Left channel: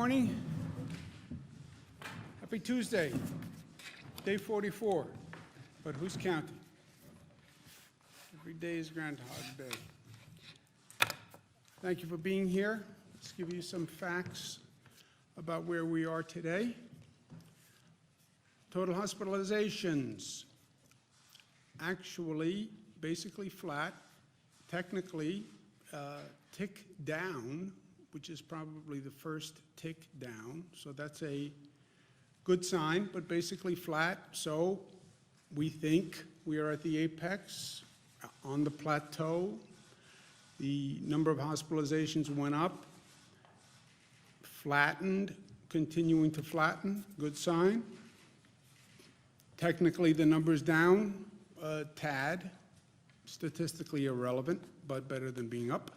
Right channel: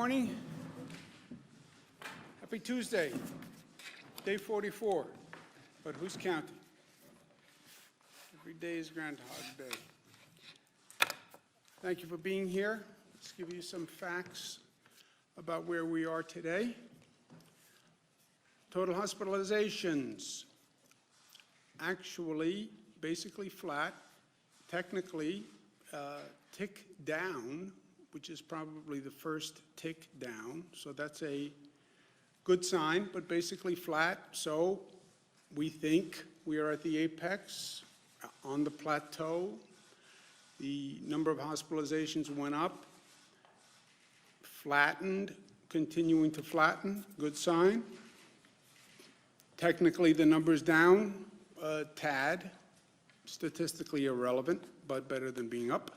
morning. Happy Tuesday, day 44, but who's counting? Every day is Groundhog Day. Thank you for being here. Let's give you some facts about where we are today. Total hospitalizations, actually basically flat, technically tick down, which is probably the first tick down, so that's a good sign, but basically flat. So we think we are at the apex, on the plateau. The number of hospitalizations went up, flattened, continuing to flatten, good sign. Technically, the number's down a tad, statistically irrelevant, but better than being up.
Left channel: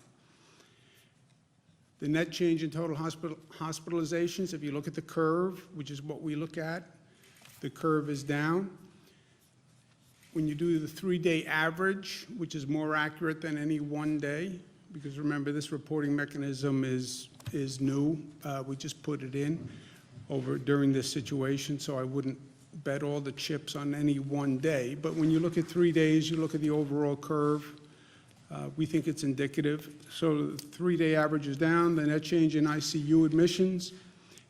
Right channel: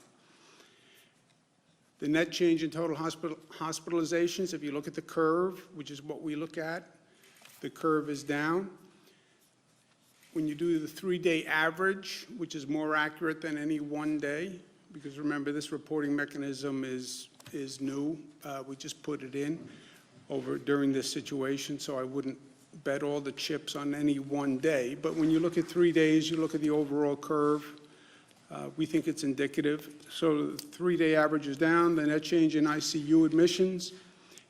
The net change in total hospitalizations, if you look at the curve, which is what we look at, the curve is down. When you do the 3-day average, which is more accurate than any one day, because remember, this reporting mechanism is new. We just put it in during this situation, so I wouldn't bet all the chips on any one day. But when you look at 3 days, you look at the overall curve, we think it's indicative. So the 3-day average is down. The net change in ICU admissions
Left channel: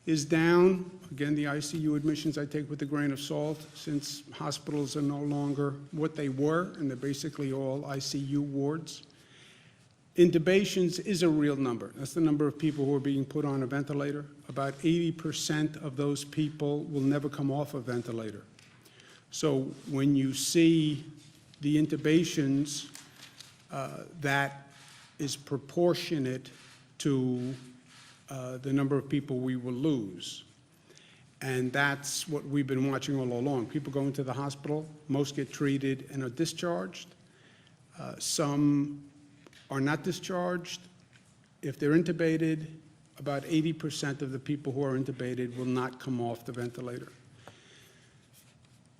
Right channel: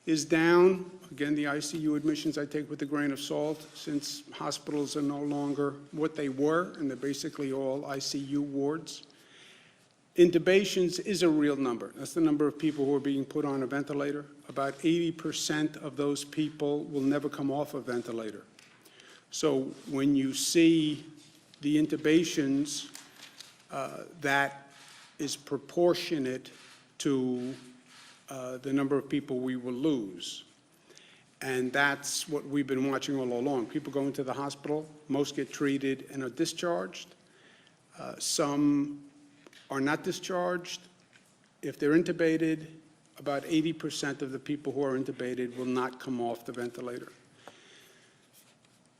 is down. Again, the ICU admissions I take with a grain of salt, since hospitals are no longer what they were, and they're basically all ICU wards. Intubations is a real number. That's the number of people who are being put on a ventilator. About 80% of those people will never come off a ventilator. So when you see the intubations, that is proportionate to the number of people we will lose. And that's what we've been watching all along. People go into the hospital, most get treated and are discharged. Some are not discharged. If they're intubated, about 80% of the people who are intubated will not come off the ventilator.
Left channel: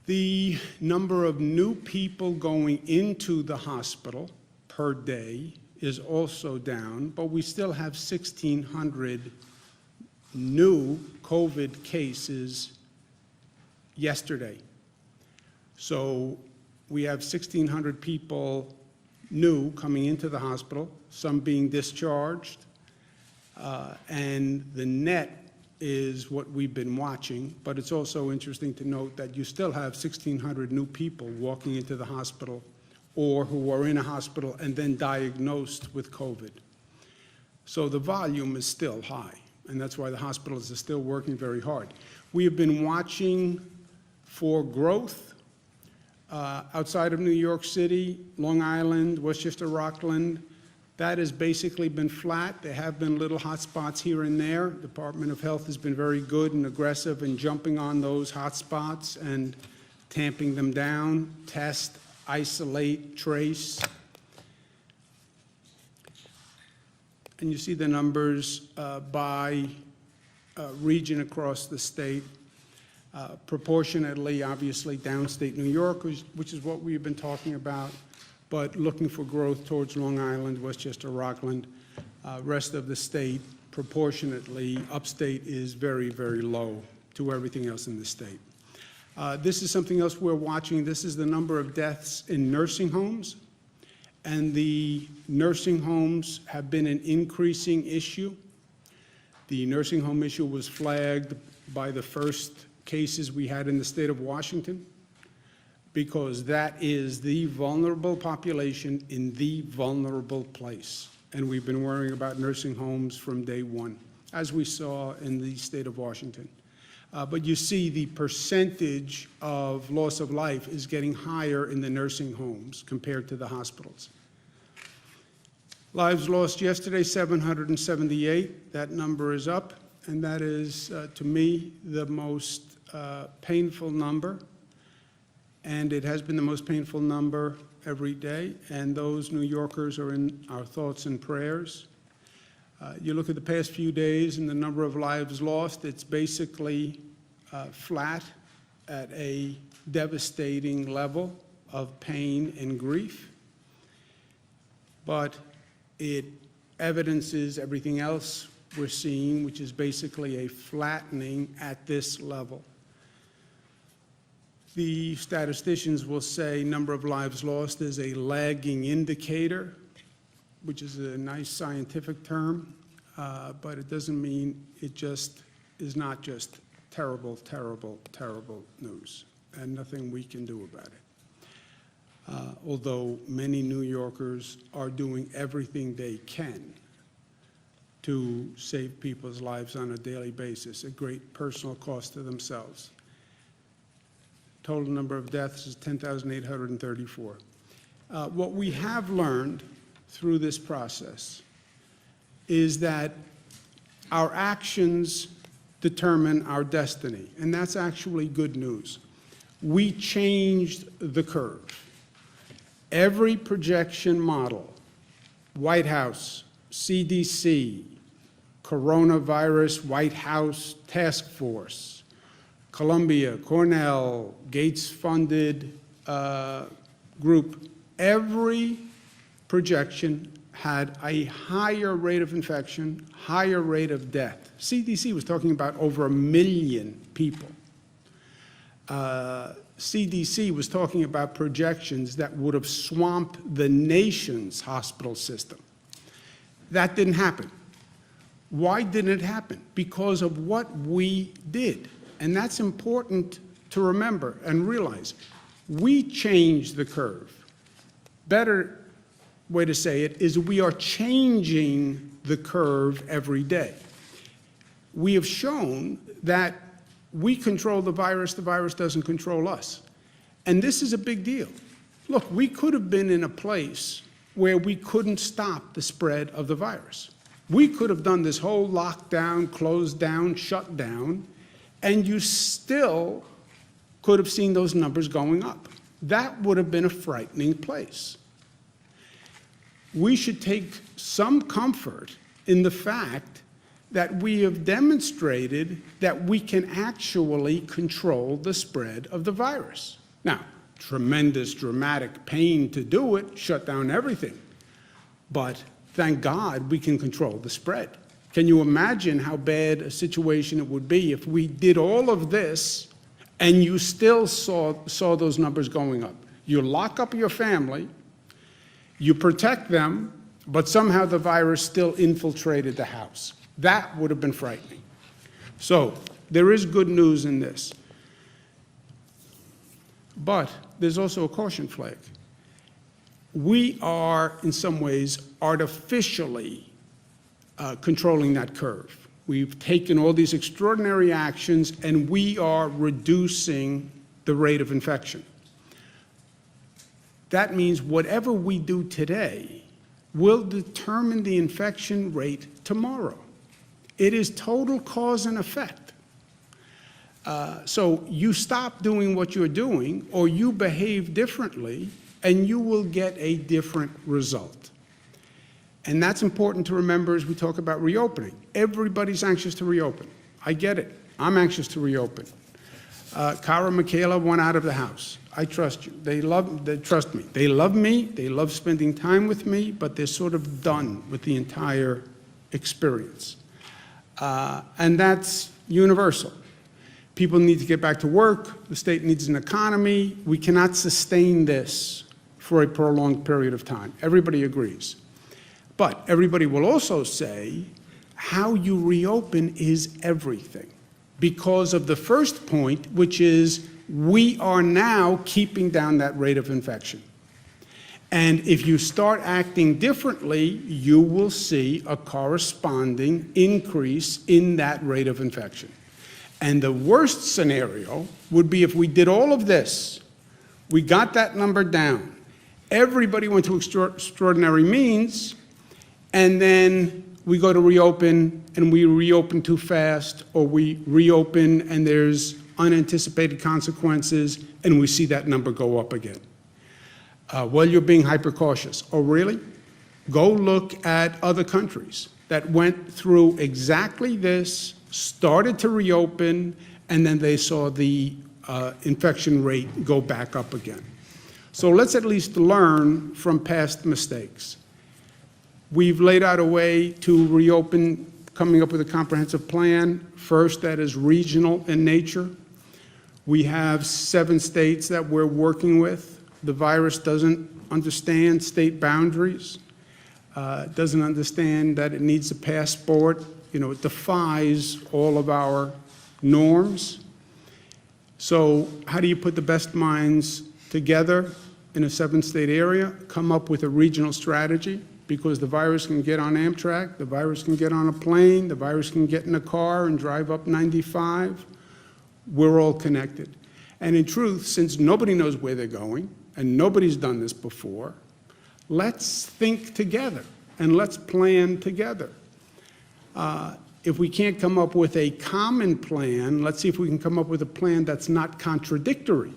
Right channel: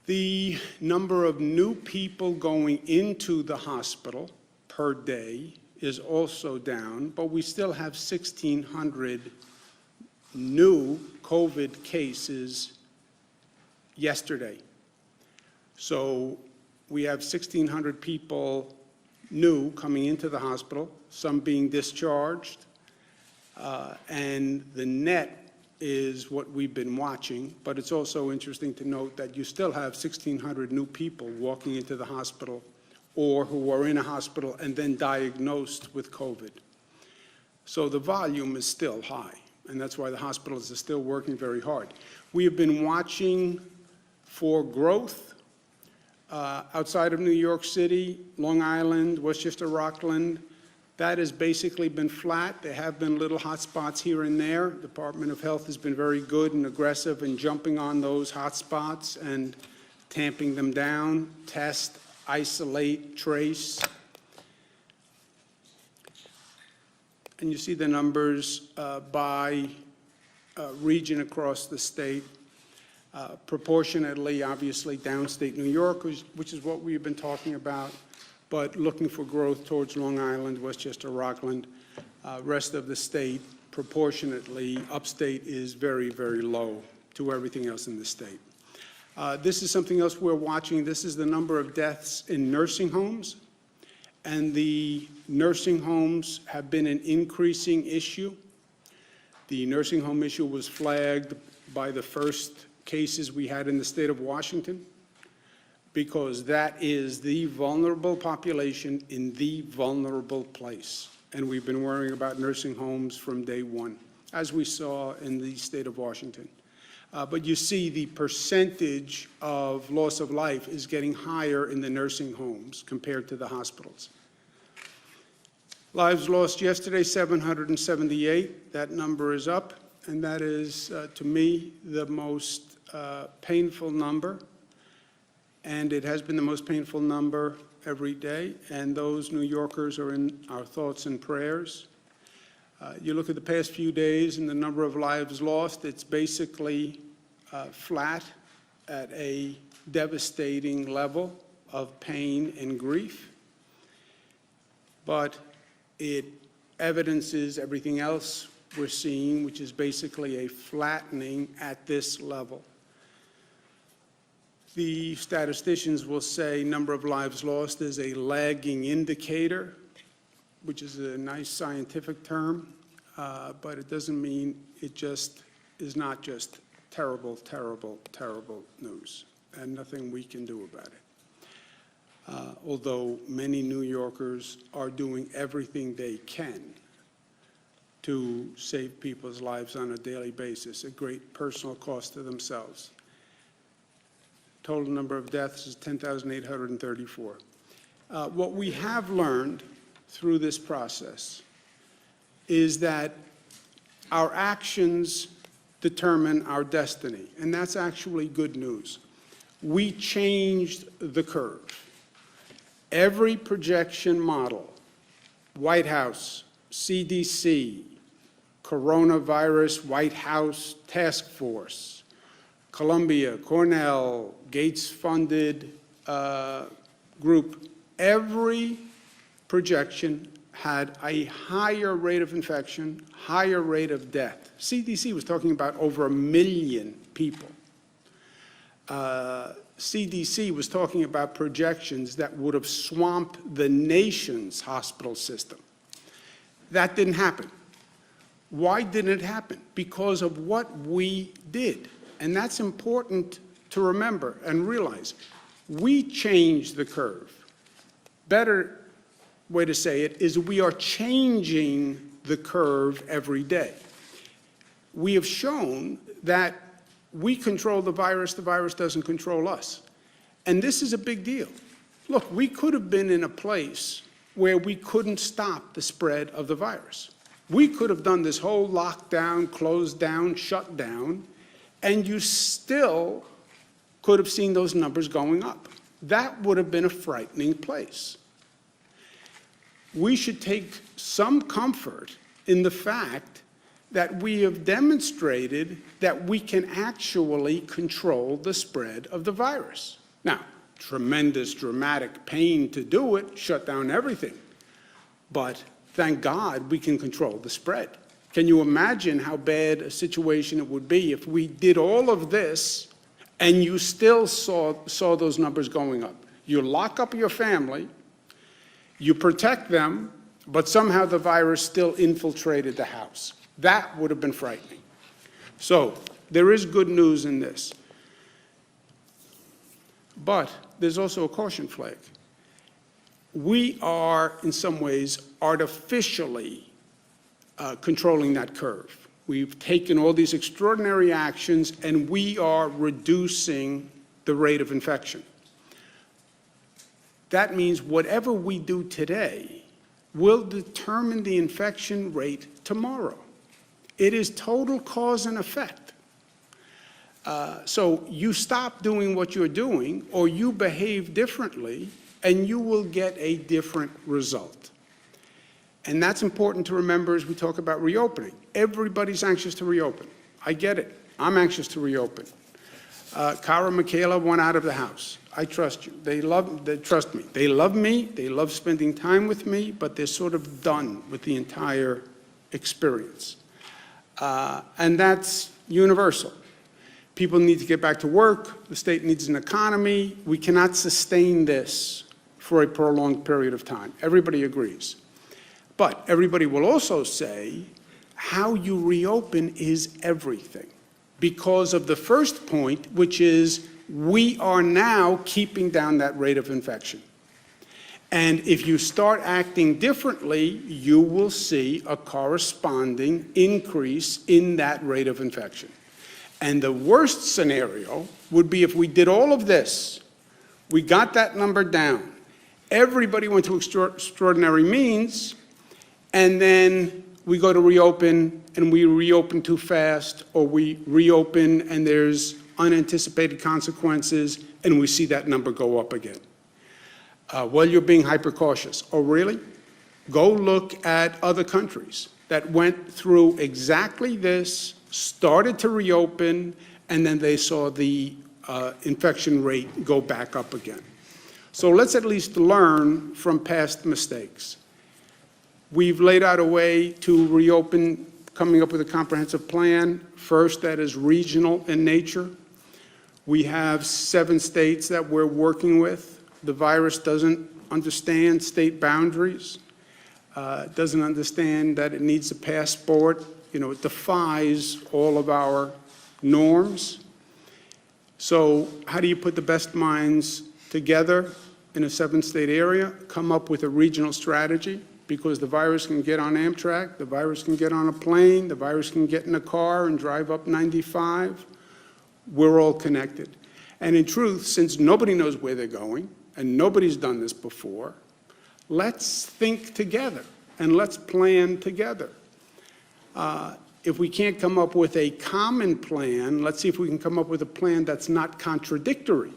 The number of new people going into the hospital per day is also down, but we still have 1,600 new COVID cases yesterday. So we have 1,600 people new coming into the hospital, some being discharged, and the net is what we've been watching, but it's also interesting to note that you still have 1,600 new people walking into the hospital or who are in a hospital and then diagnosed with COVID. So the volume is still high, and that's why the hospitals are still working very hard. We have been watching for growth outside of New York City, Long Island, Westchester, Rockland. That has basically been flat. There have been little hot spots here and there. The Department of Health has been very good and aggressive in jumping on those hot spots and tamping them down, test, isolate, trace. And you see the numbers by region across the state. Proportionately, obviously, downstate New York, which is what we've been talking about, but looking for growth towards Long Island, Westchester, Rockland. Rest of the state, proportionately, upstate is very, very low to everything else in the state. This is something else we're watching. This is the number of deaths in nursing homes, and the nursing homes have been an increasing issue. The nursing home issue was flagged by the first cases we had in the state of Washington, because that is the vulnerable population in the vulnerable place. And we've been worrying about nursing homes from day one, as we saw in the state of Washington. But you see the percentage of loss of life is getting higher in the nursing homes compared to the hospitals. Lives lost yesterday, 778. That number is up, and that is, to me, the most painful number. And it has been the most painful number every day, and those New Yorkers are in our thoughts and prayers. You look at the past few days and the number of lives lost, it's basically flat at a devastating level of pain and grief. But it evidences everything else we're seeing, which is basically a flattening at this level. The statisticians will say number of lives lost is a lagging indicator, which is a nice scientific term, but it doesn't mean it just is not just terrible, terrible, terrible news, and nothing we can do about it. Although many New Yorkers are doing everything they can to save people's lives on a daily basis, at great personal cost to themselves. Total number of deaths is 10,834. What we have learned through this process is that our actions determine our destiny, and that's actually good news. We changed the curve. Every projection model, White House, CDC, Coronavirus White House Task Force, Columbia, Cornell, Gates-funded group, every projection had a higher rate of infection, higher rate of death. CDC was talking about over 1 million people. CDC was talking about projections that would have swamped the nation's hospital system. That didn't happen. Why didn't it happen? Because of what we did. And that's important to remember and realize. We changed the curve. Better way to say it is we are changing the curve every day. We have shown that we control the virus doesn't control us. And this is a big deal. Look, we could have been in a place where we couldn't stop the spread of the virus. We could have done this whole lockdown, closed down, shut down, and you still could have seen those numbers going up. That would have been a frightening place. We should take some comfort in the fact that we have demonstrated that we can actually control the spread of the virus. Now, tremendous, dramatic pain to do it, shut down everything. But thank God we can control the spread. Can you imagine how bad a situation it would be if we did all of this and you still saw those numbers going up? You lock up your family, you protect them, but somehow the virus still infiltrated the house. That would have been frightening. So there is good news in this. But there's also a caution flag. We are, in some ways, artificially controlling that curve. We've taken all these extraordinary actions, and we are reducing the rate of infection. That means whatever we do today will determine the infection rate tomorrow. It is total cause and effect. So you stop doing what you're doing, or you behave differently, and you will get a different result. And that's important to remember as we talk about reopening. Everybody's anxious to reopen. I get it. I'm anxious to reopen. Cara and Michaela went out of the house. I trust you. They trust me. They love me. They love spending time with me, but they're sort of done with the entire experience. And that's universal. People need to get back to work. The state needs an economy. We cannot sustain this for a prolonged period of time. Everybody agrees. But everybody will also say how you reopen is everything, because of the first point, which is we are now keeping down that rate of infection. And if you start acting differently, you will see a corresponding increase in that rate of infection. And the worst scenario would be if we did all of this, we got that number down, everybody went to extraordinary means, and then we go to reopen and we reopen too fast, or we reopen and there's unanticipated consequences and we see that number go up again. Well, you're being hyper cautious. Oh, really? Go look at other countries that went through exactly this, started to reopen, and then they saw the infection rate go back up again. So let's at least learn from past mistakes. We've laid out a way to reopen coming up with a comprehensive plan. First, that is regional in nature. We have 7 states that we're working with. The virus doesn't understand state boundaries, doesn't understand that it needs a passport. You know, it defies all of our norms. So how do you put the best minds together in a 7-state area, come up with a regional strategy? Because the virus can get on Amtrak, the virus can get on a plane, the virus can get in a car and drive up 95. We're all connected. And in truth, since nobody knows where they're going, and nobody's done this before, let's think together and let's plan together. If we can't come up with a common plan, let's see if we can come up with a plan that's not contradictory.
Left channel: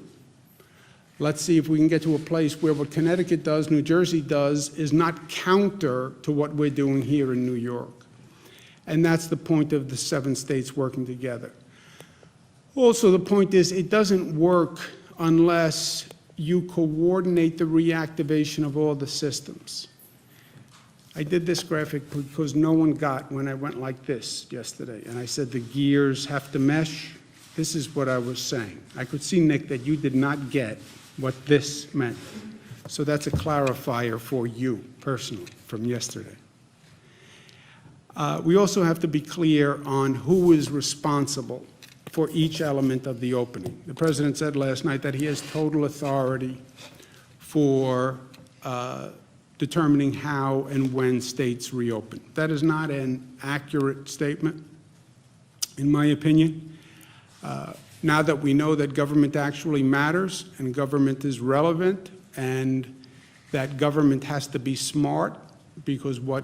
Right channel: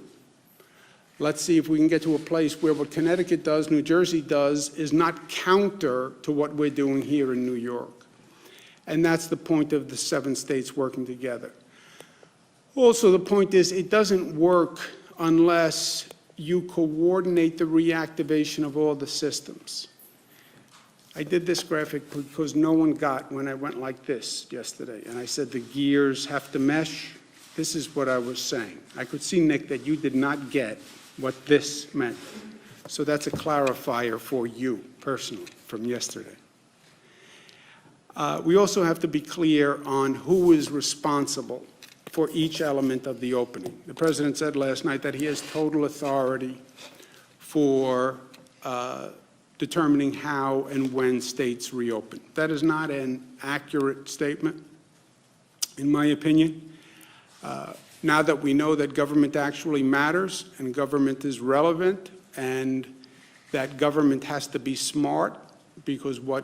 Let's see if we can get to a place where what Connecticut does, New Jersey does, is not counter to what we're doing here in New York. And that's the point of the 7 states working together. Also, the point is, it doesn't work unless you coordinate the reactivation of all the systems. I did this graphic because no one got when I went like this yesterday, and I said the gears have to mesh. This is what I was saying. I could see, Nick, that you did not get what this meant. So that's a clarifier for you personally from yesterday. We also have to be clear on who is responsible for each element of the opening. The President said last night that he has total authority for determining how and when states reopen. That is not an accurate statement, in my opinion. Now that we know that government actually matters and government is relevant and that government has to be smart, because what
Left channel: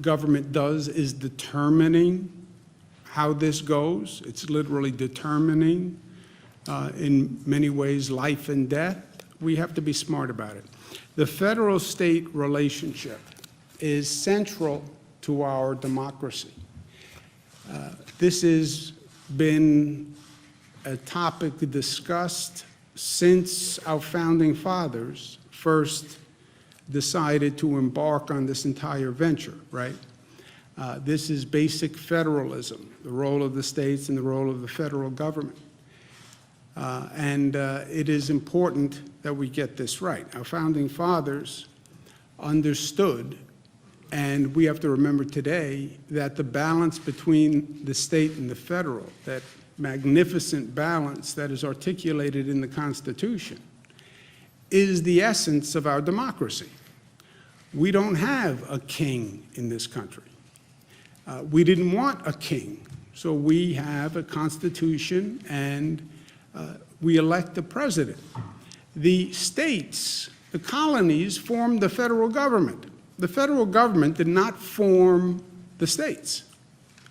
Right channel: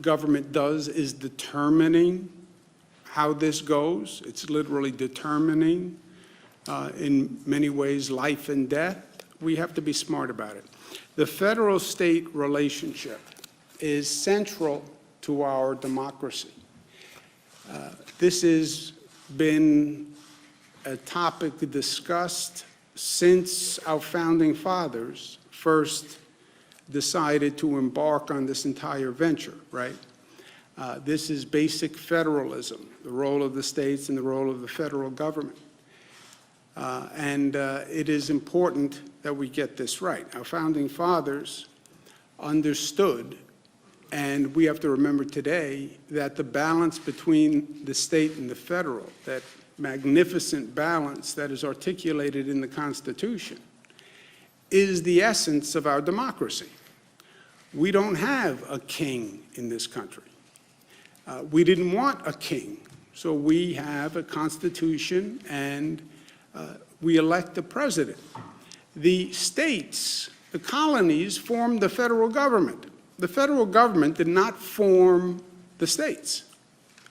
government does is determining how this goes. It's literally determining, in many ways, life and death. We have to be smart about it. The federal-state relationship is central to our democracy. This has been a topic discussed since our founding fathers first decided to embark on this entire venture, right? This is basic federalism, the role of the states and the role of the federal government. It is important that we get this right. Our founding fathers understood, and we have to remember today, that the balance between the state and the federal, that magnificent balance that is articulated in the Constitution, is the essence of our democracy. We don't have a king in this country. We didn't want a king, so we have a Constitution and we elect a president. The states, the colonies, formed the federal government. The federal government did not form the states.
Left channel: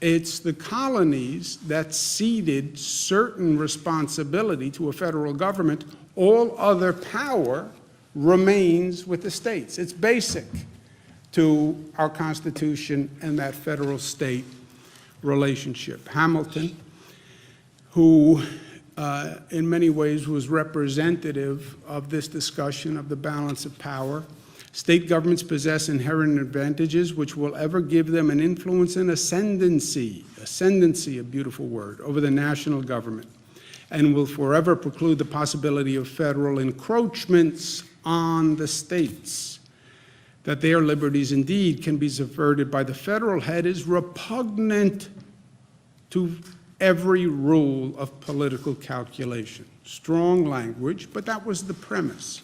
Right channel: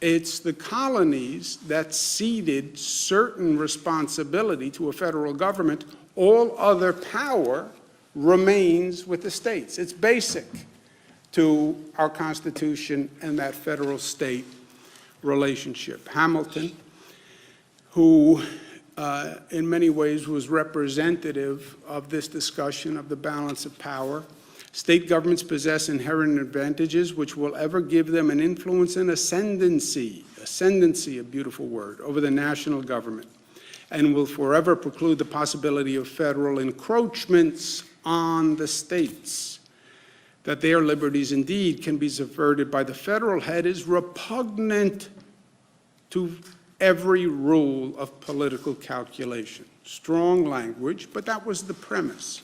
It's the colonies that ceded certain responsibility to a federal government. All other power remains with the states. It's basic to our Constitution and that federal-state relationship. Hamilton, who in many ways was representative of this discussion of the balance of power. State governments possess inherent advantages which will ever give them an influence and ascendancy, a beautiful word, over the national government, and will forever preclude the possibility of federal encroachments on the states. That their liberties indeed can be subverted by the federal head is repugnant to every rule of political calculation. Strong language, but that was the premise.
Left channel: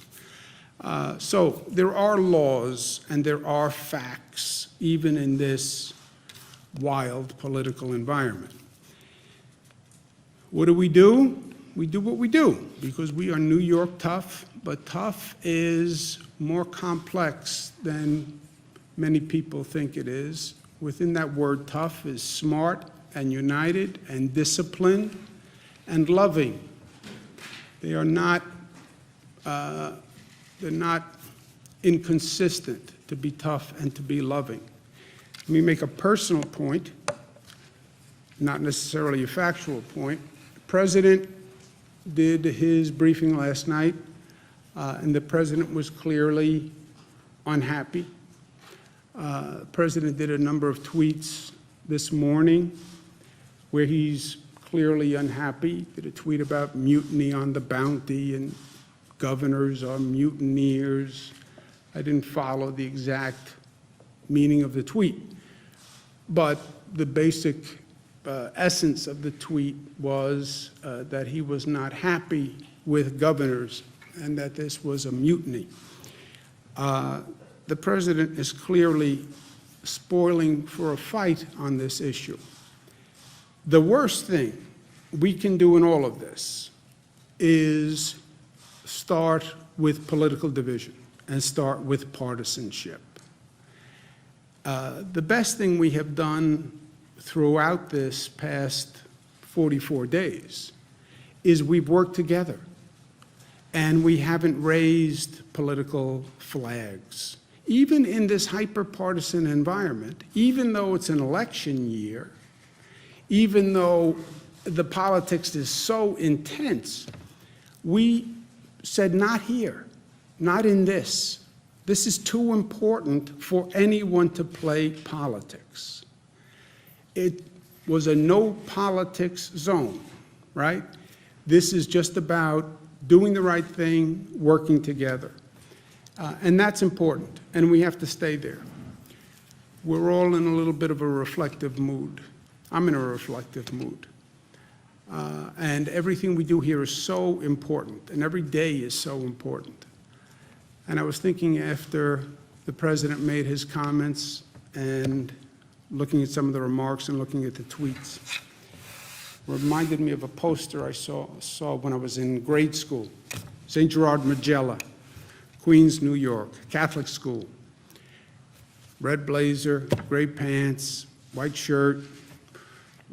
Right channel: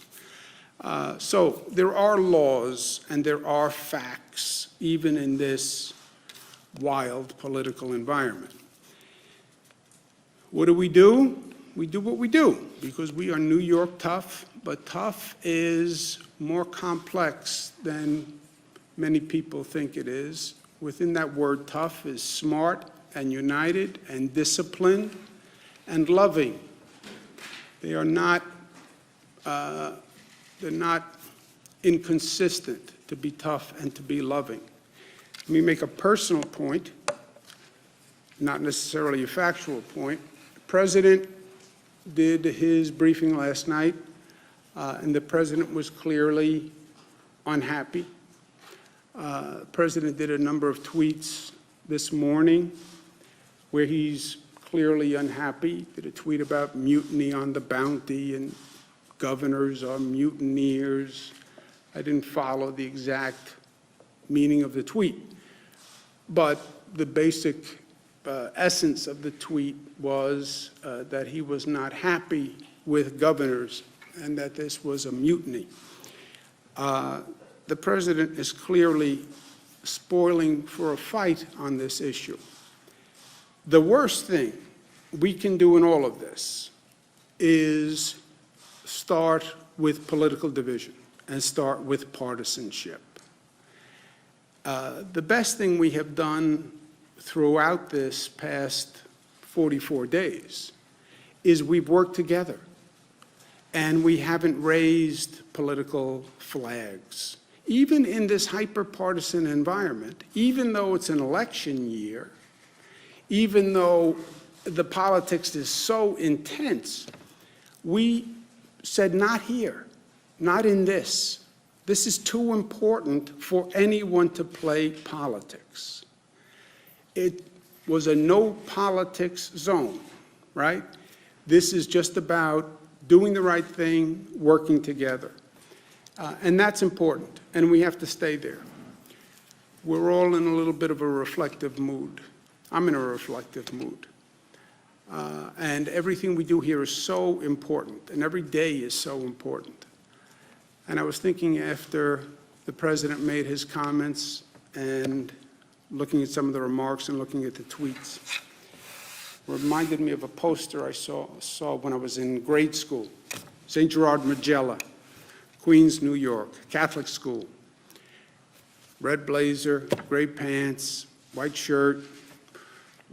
So there are laws and there are facts, even in this wild political environment. What do? We do what we do, because we are New York tough, but tough is more complex than many people think it is. Within that word tough is smart and united and disciplined and loving. They are not, they're not inconsistent to be tough and to be loving. Let me make a personal point, not necessarily a factual point. The President did his briefing last night, and the President was clearly unhappy. The President did a number of tweets this morning where he's clearly unhappy, did a tweet about mutiny on the Bounty and governors are mutineers. I didn't follow the exact meaning of the tweet, but the basic essence of the tweet was that he was not happy with governors and that this was a mutiny. The president is clearly spoiling for a fight on this issue. The worst thing we can do in all of this is start with political division and start with partisanship. The best thing we have done throughout this past 44 days is we've worked together and we haven't raised political flags. Even in this hyper-partisan environment, even though it's an election year, even though the politics is so intense, we said, not here, not in this. This is too important for anyone to play politics. It was a no politics zone, right? This is just about doing the right thing, working together. And that's important, and we have to stay there. We're all in a little bit of a reflective mood. I'm in a reflective mood. And everything we do here is so important, and every day is so important. And I was thinking after the president made his comments and looking at some of the remarks and looking at the tweets, reminded me of a poster I saw when I was in grade school. St. Gerard Magella, Queens, New York, Catholic school. Red blazer, gray pants, white shirt,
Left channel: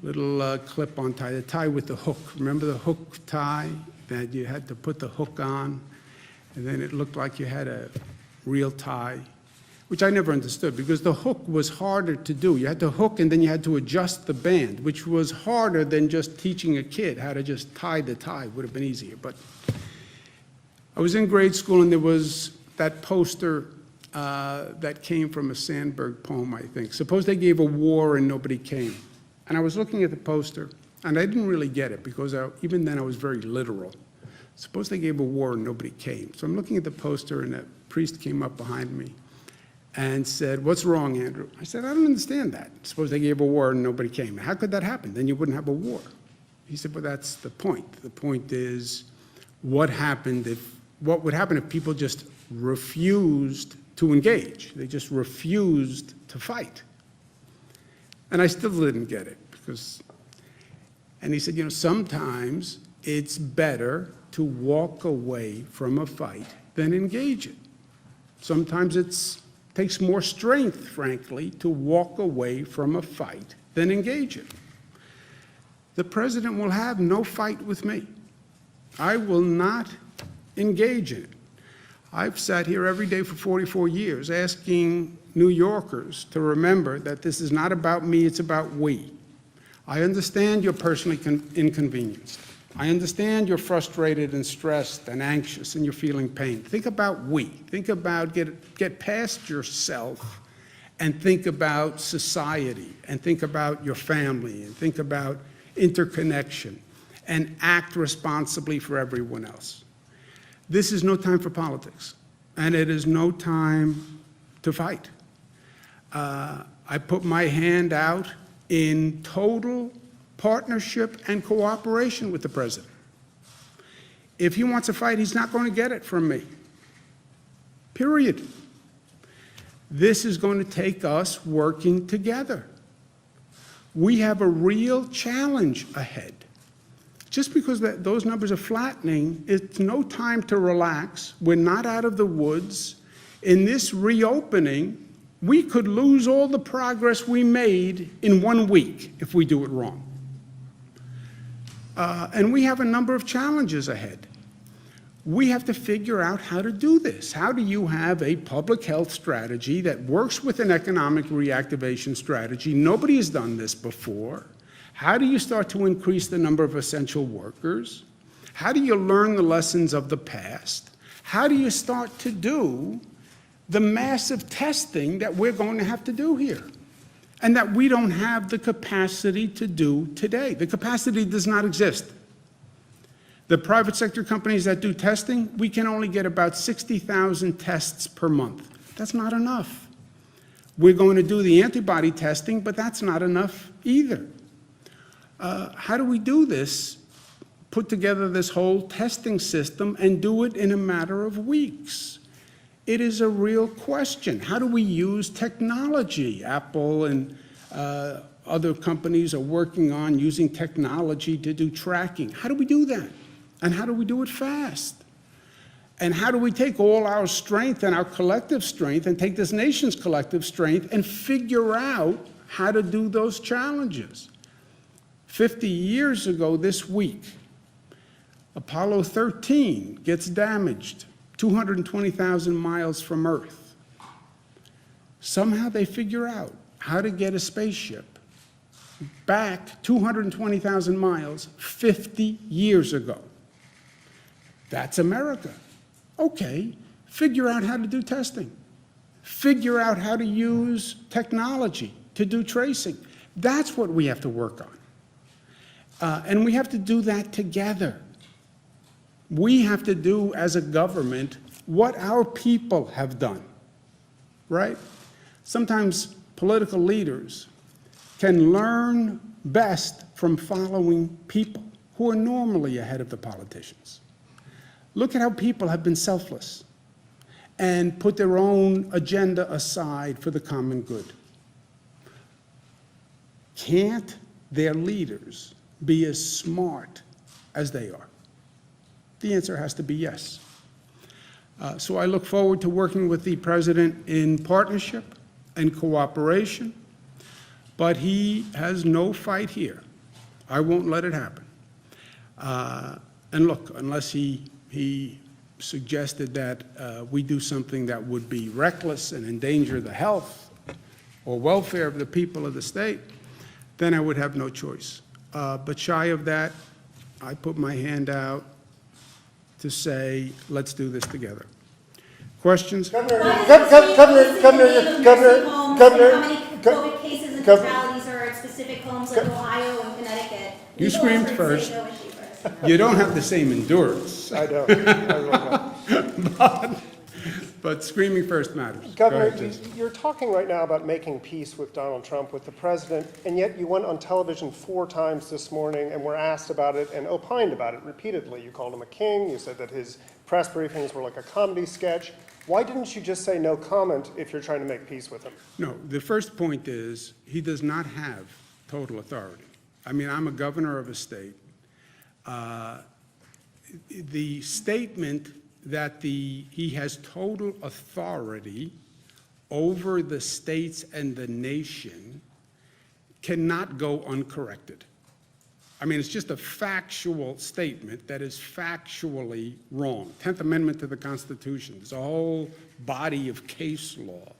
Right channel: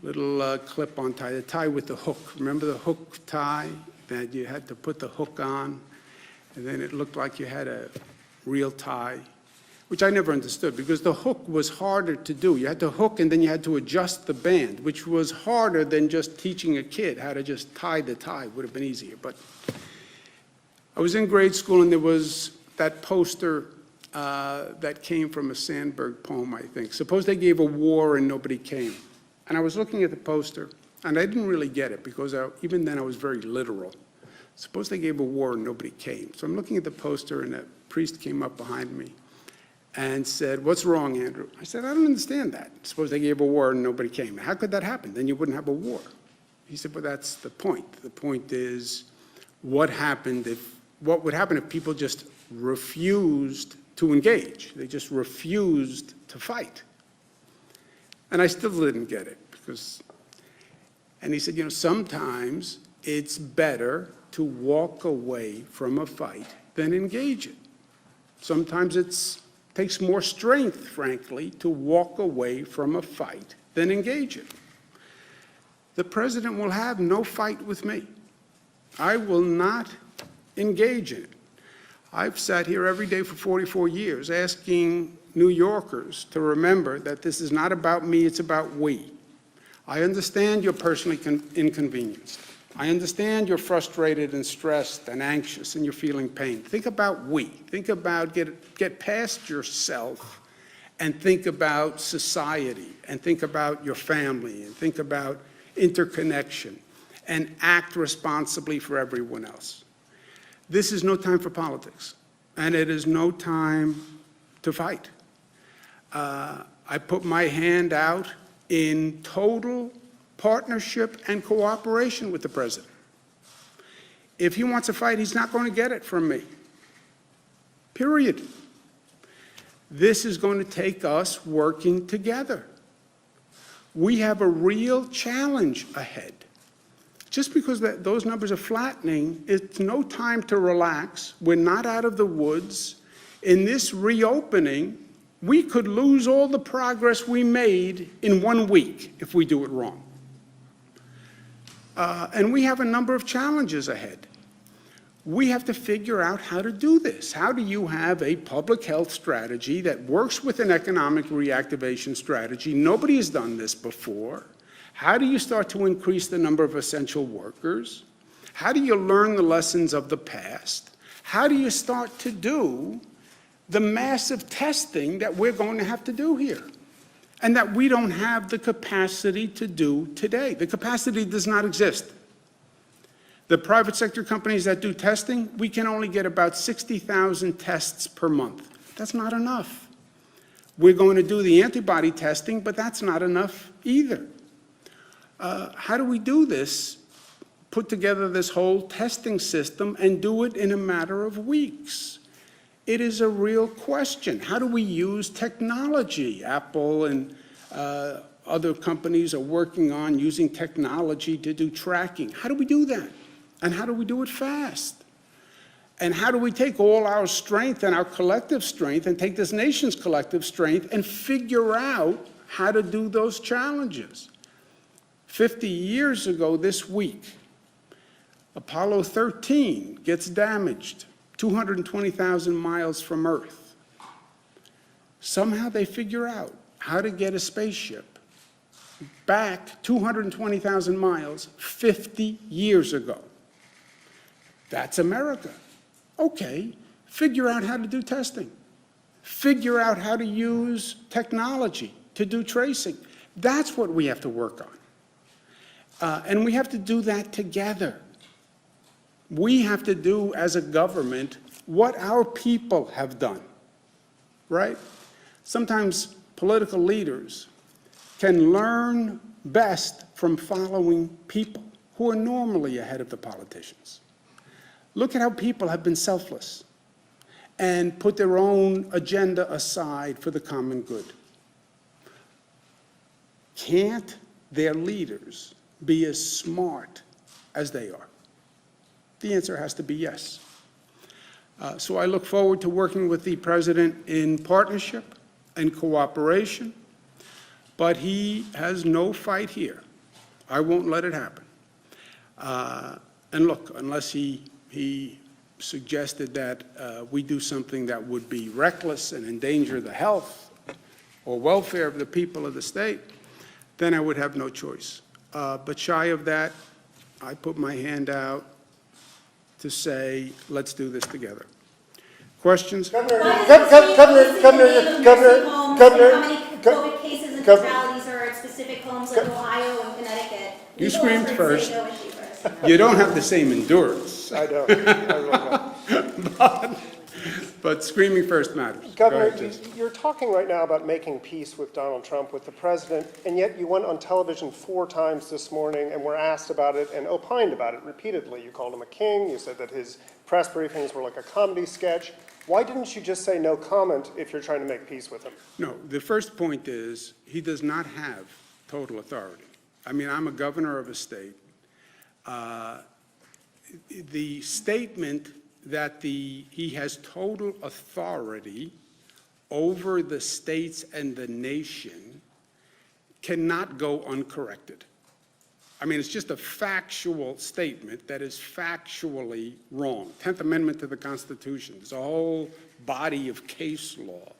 little clip-on tie, the tie with the hook. Remember the hook tie that you had to put the hook on, and then it looked like you had a real tie, which I never understood because the hook was harder to do. You had to hook and then you had to adjust the band, which was harder than just teaching a kid how to just tie the tie. Would have been easier. But I was in grade school and there was that poster that came from a Sandberg poem, I think. Suppose they gave a war and nobody came. And I was looking at the poster, and I didn't really get it because even then I was very literal. Suppose they gave a war and nobody came. So I'm looking at the poster, and a priest came up behind me and said, "What's wrong, Andrew?" I said, "I don't understand that. Suppose they gave a war and nobody came. How could that happen? Then you wouldn't have a war." He said, "Well, that's the point. The point is what would happen if people just refused to engage? They just refused to fight." And I still didn't get it and he said, sometimes it's better to walk away from a fight than engage it. Sometimes it takes more strength, frankly, to walk away from a fight than engage it. The president will have no fight with me. I will not engage in it. I've sat here every day for 44 years asking New Yorkers to remember that this is not about me, it's about we. I understand you're personally inconvenienced. I understand you're frustrated and stressed and anxious and you're feeling pain. Think about we. Think about, get past yourself and think about society and think about your family and think about interconnection and act responsibly for everyone else. This is no time for politics, and it is no time to fight. I put my hand out in total partnership and cooperation with the president. If he wants a fight, he's not going to get it from me. Period. This is going to take us working together. We have a real challenge ahead. Just because those numbers are flattening, it's no time to relax. We're not out of the woods. In this reopening, we could lose all the progress we made in 1 week if we do it wrong. And we have a number of challenges ahead. We have to figure out how to do this. How do you have a public health strategy that works with an economic reactivation strategy? Nobody has done this before. How do you start to increase the number of essential workers? How do you learn the lessons of the past? How do you start to do the massive testing that we're going to have to do here? and that we don't have the capacity to do today. The capacity does not exist. The private sector companies that do testing, we can only get about 60,000 tests per month. That's not enough. We're going to do the antibody testing, but that's not enough either. How do we do this? Put together this whole testing system and do it in a matter of weeks? It is a real question. How do we use technology? Apple and other companies are working on using technology to do tracking. How do we do that? And how do we do it fast? And how do we take all our strength and our collective strength and take this nation's collective strength and figure out how to do those challenges? 50 years ago this week, Apollo 13 gets damaged 220,000 miles from Earth. Somehow they figure out how to get a spaceship back 220,000 miles 50 years ago. That's America. Okay, figure out how to do testing. Figure out how to use technology to do tracing. That's what we have to work on. And we have to do that together. We have to do, as a government, what our people have done, right? Sometimes political leaders can learn best from following people who are normally ahead of the politicians. Look at how people have been selfless and put their own agenda aside for the common good. Can't their leaders be as smart as they are? The answer has to be yes. So I look forward to working with the President in partnership and cooperation, but he has no fight here. I won't let it happen. And look, unless he suggested that we do something that would be reckless and endanger the health or welfare of the people of the state, then I would have no choice. But shy of that, I put my hand out to say, let's do this together. Questions? Governor, how many COVID cases and fatalities are at specific homes like Ohio and Connecticut? You screamed first. You don't have the same endurance. I don't. I really don't. But screaming first matters. Governor, you're talking right now about making peace with Donald Trump, with the president, and yet you went on television 4 times this morning and were asked about it and opined about it repeatedly. You called him a king. You said that his press briefings were like a comedy sketch. Why didn't you just say no comment if you're trying to make peace with him? No, the first point is he does not have total authority. I mean, I'm a governor of a state. The statement that he has total authority over the states and the nation cannot go uncorrected. I mean, it's just a factual statement that is factually wrong. 10th Amendment to the Constitution. There's a whole body of case law.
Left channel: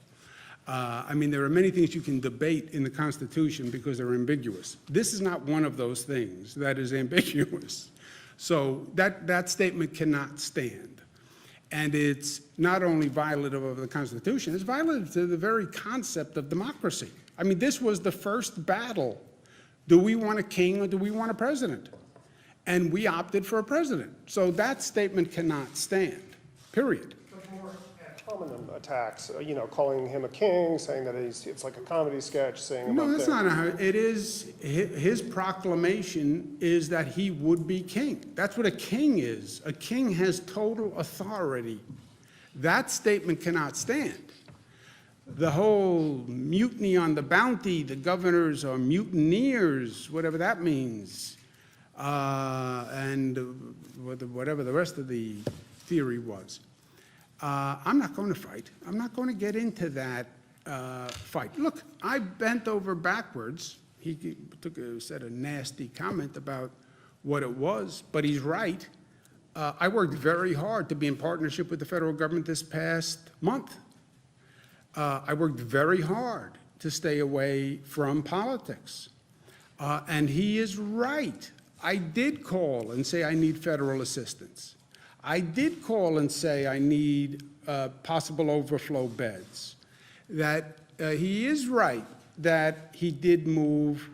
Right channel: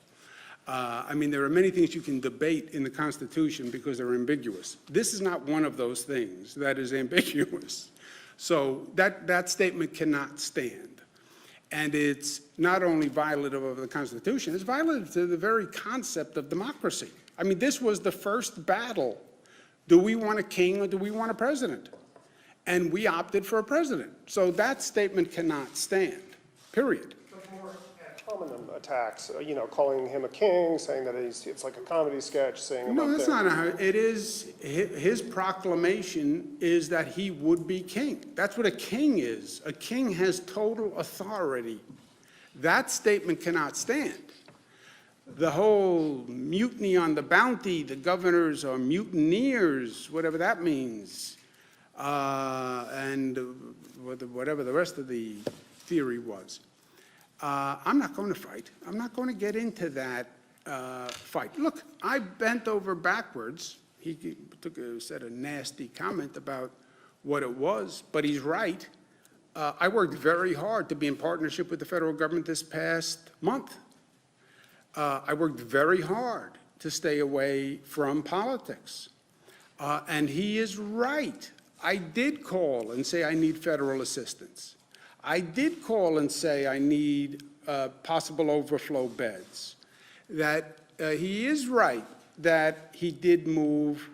I mean, there are many things you can debate in the Constitution because they're ambiguous. This is not one of those things that is ambiguous. So that statement cannot stand. And it's not only violative of the Constitution, it's violative to the very concept of democracy. I mean, this was the first battle. Do we want a king or do we want a president? And we opted for a president. So that statement cannot stand, period. More ad hominem attacks, calling him a king, saying that it's like a comedy sketch, saying No, that's not how it is. His proclamation is that he would be king. That's what a king is. A king has total authority. That statement cannot stand. The whole mutiny on the bounty, the governors are mutineers, whatever that means, and whatever the rest of the theory was. I'm not going to fight. I'm not going to get into that fight. Look, I bent over backwards. He said a nasty comment about what it was, but he's right. I worked very hard to be in partnership with the federal government this past month. I worked very hard to stay away from politics. And he is right. I did call and say I need federal assistance. I did call and say I need possible overflow beds. That he is right that he did move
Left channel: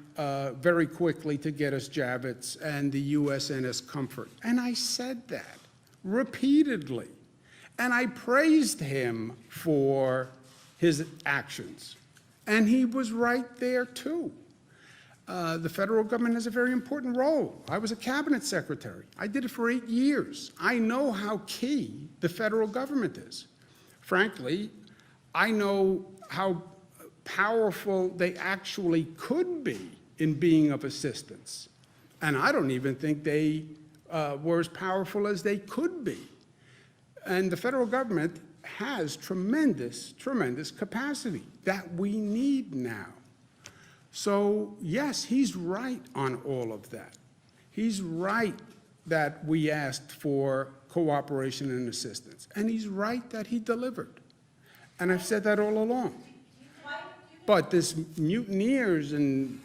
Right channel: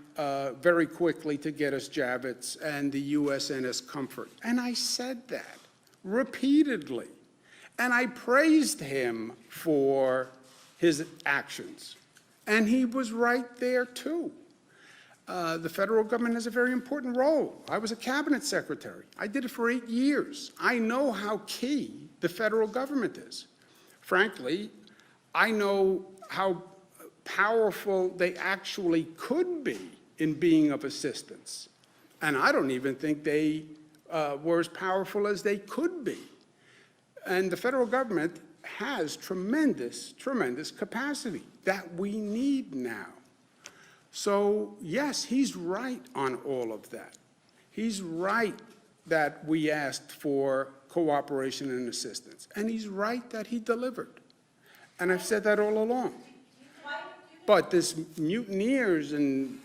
very quickly to get us Javits and the USNS Comfort. And I said that repeatedly. And I praised him for his actions. And he was right there, too. The federal government has a very important role. I was a cabinet secretary. I did it for 8 years. I know how key the federal government is. Frankly, I know how powerful they actually could be in being of assistance. And I don't even think they were as powerful as they could be. And the federal government has tremendous, tremendous capacity that we need now. So, yes, he's right on all of that. He's right that we asked for cooperation and assistance. And he's right that he delivered. And I've said that all along. But this mutineers and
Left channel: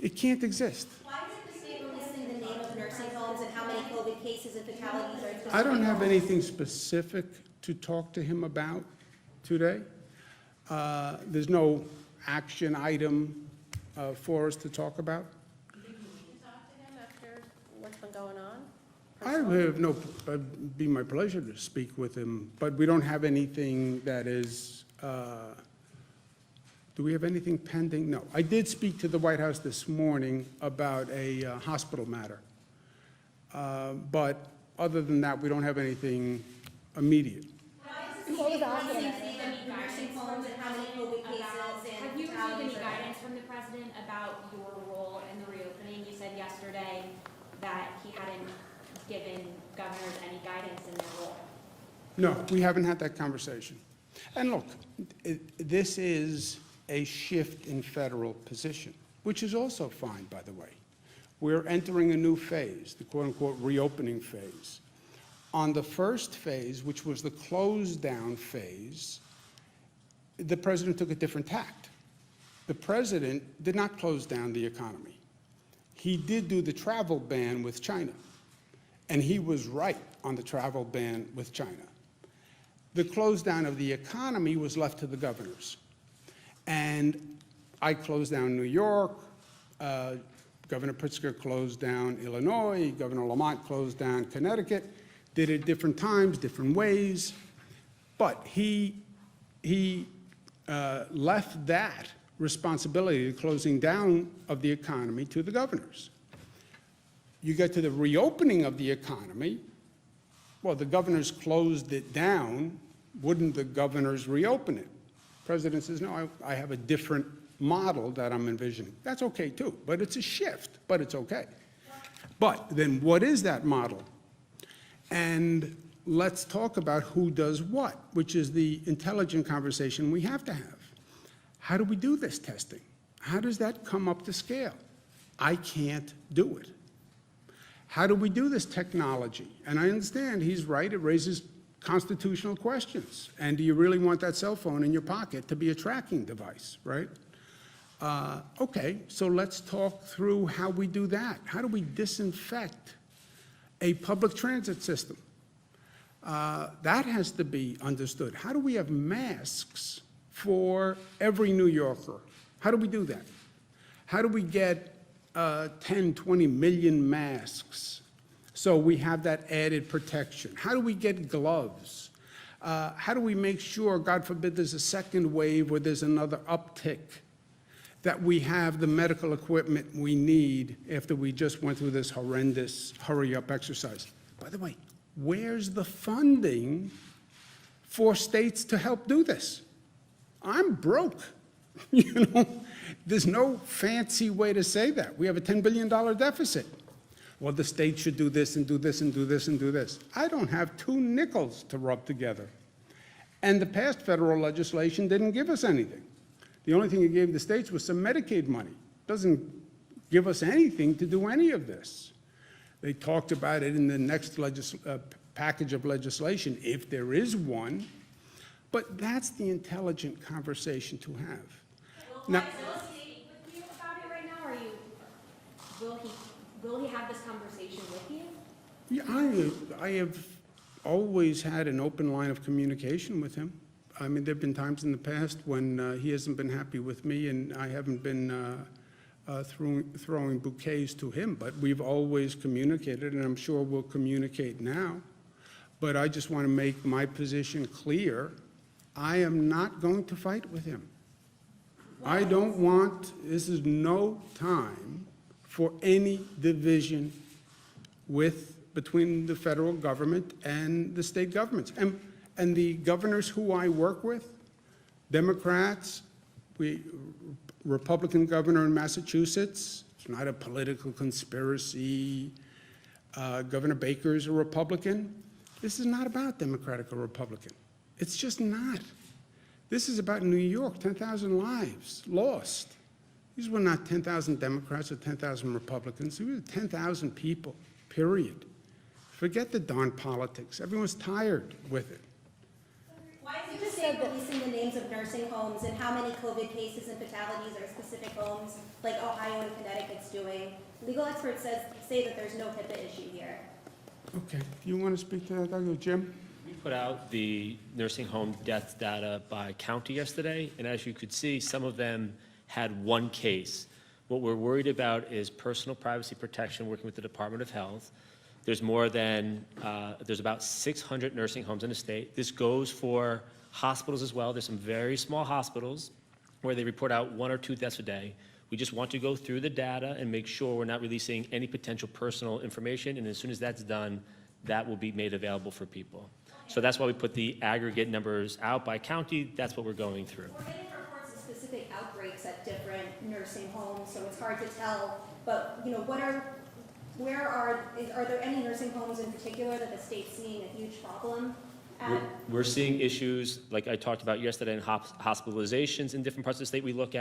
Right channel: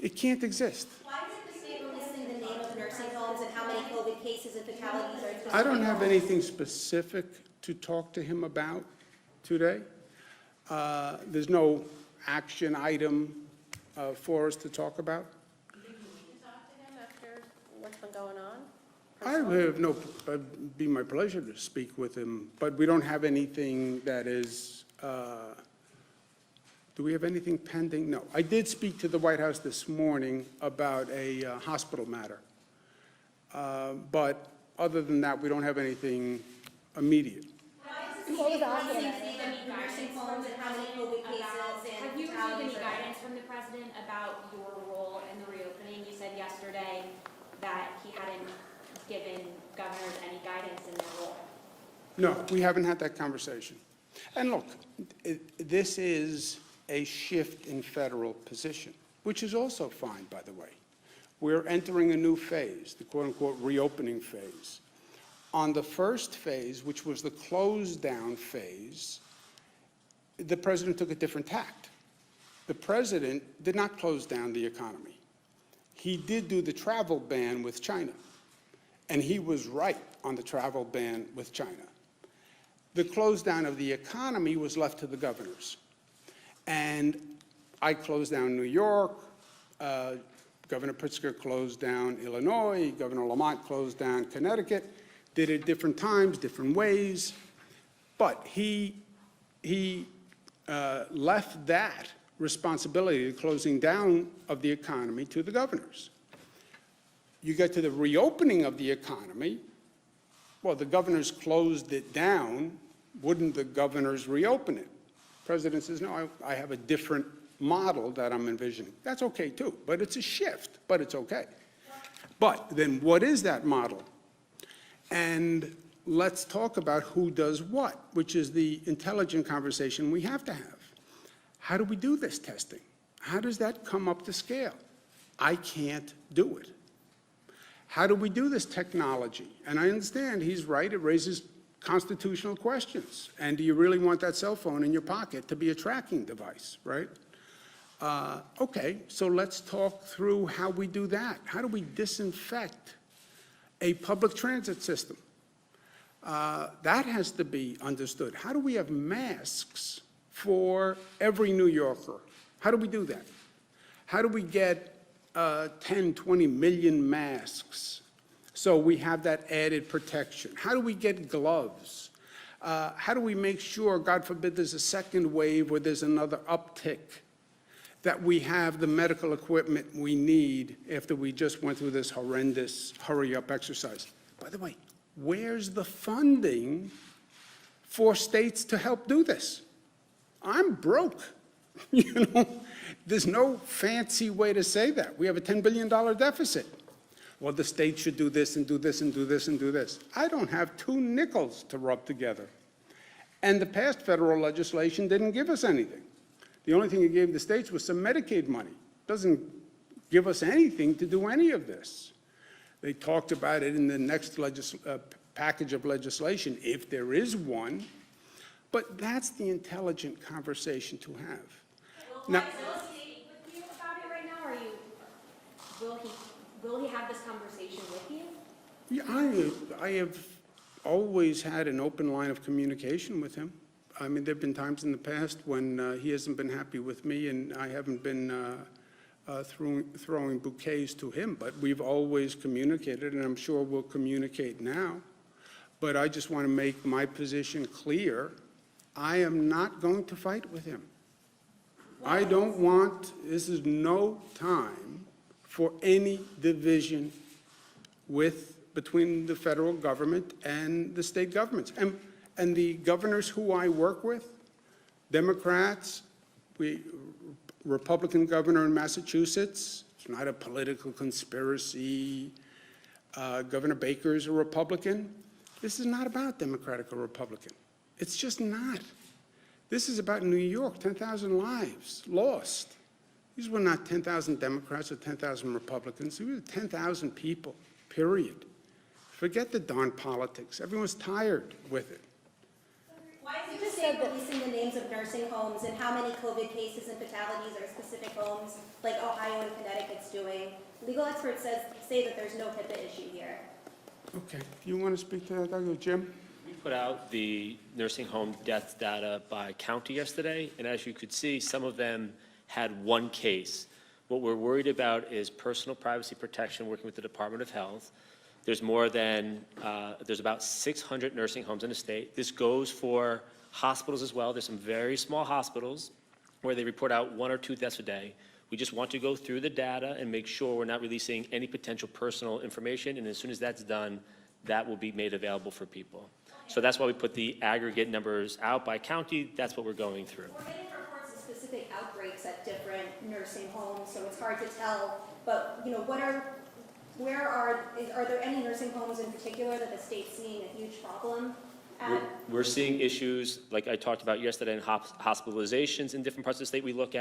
it can't exist. Why is it the state listing the name of nursing homes and how many COVID cases and fatalities are specific? I don't have anything specific to talk to him about today. There's no action item for us to talk about. Did you talk to him after what's been going on? I have no, it'd be my pleasure to speak with him, but we don't have anything that is, do we have anything pending? No. I did speak to the White House this morning about a hospital matter. But other than that, we don't have anything immediate. What was the nursing homes and how many COVID cases and Have you received fatalities any are- guidance from the president about your role in the reopening? You said yesterday that he hadn't given governors any guidance in their role. No, we haven't had that conversation. And look, this is a shift in federal position, which is also fine, by the way. We're entering a new phase, the quote-unquote reopening phase. On the first phase, which was the close-down phase, the president took a different tact. The president did not close down the economy. He did do the travel ban with China, and he was right on the travel ban with China. The close down of the economy was left to the governors. And I closed down New York, Governor Pritzker closed down Illinois, Governor Lamont closed down Connecticut, did it different times, different ways, but he left that responsibility, the closing down of the economy, to the governors. You get to the reopening of the economy, well, the governors closed it down, wouldn't the governors reopen it? The president says, no, I have a different model that I'm envisioning. That's okay too, but it's a shift, but it's okay. But then what is that model? And let's talk about who does what, which is the intelligent conversation we have to have. How do we do this testing? How does that come up to scale? I can't do it. How do we do this technology? And I understand he's right, it raises constitutional questions. And do you really want that cell phone in your pocket to be a tracking device, right? Okay, so let's talk through how we do that. How do we disinfect a public transit system? That has to be understood. How do we have masks for every New Yorker? How do we do that? How do we get 10, 20 million masks so we have that added protection? How do we get gloves? How do we make sure, God forbid, there's a second wave or there's another uptick, that we have the medical equipment we need after we just went through this horrendous hurry-up exercise? By the way, where's the funding for states to help do this? I'm broke. You know, there's no fancy way to say that. We have a $10 billion deficit. Well, the state should do this and do this and do this and do this. I don't have 2 nickels to rub together. And the past federal legislation didn't give us anything. The only thing it gave the states was some Medicaid money. It doesn't give us anything to do any of this. They talked about it in the next package of legislation, if there is one. But that's the intelligent conversation to have. Now, Will he with you about it right now, or will he have this conversation with you? yeah, I have always had an open line of communication with him. I mean, there've been times in the past when he hasn't been happy with me, and I haven't been throwing bouquets to him, but we've always communicated, and I'm sure we'll communicate now. But I just want to make my position clear. I am not going to fight with him. I don't want, this is no time for any division between the federal government and the state governments. And the governors who I work with, Democrats, Republican governor in Massachusetts, it's not a political conspiracy. Governor Baker's a Republican. This is not about Democratic or Republican. It's just not. This is about New York, 10,000 lives lost. These were not 10,000 Democrats or 10,000 Republicans. These were 10,000 people, period. Forget the darn politics. Everyone's tired with it. Why is the state releasing the names of nursing homes and how many COVID cases and fatalities are specific homes, like Ohio and Connecticut's doing? Legal experts say that there's no HIPAA issue here. Okay, do you want to speak to that, Dr. Jim? We put out the nursing home death data by county yesterday, and as you could see, some of them had one case. What we're worried about is personal privacy protection, working with the Department of Health. There's there's about 600 nursing homes in the state. This goes for hospitals as well. There's some very small hospitals where they report out 1 or 2 deaths a day. We just want to go through the data and make sure we're not releasing any potential personal information, and as soon as that's done, that will be made available for people. So that's why we put the aggregate numbers out by county. That's what we're going through. We're getting reports of specific outbreaks at different nursing homes, so it's hard to tell. But, you know, are there any nursing homes in particular that the state's seeing a huge problem at? We're seeing issues, like I talked about yesterday, in hospitalizations in different parts of the state. We look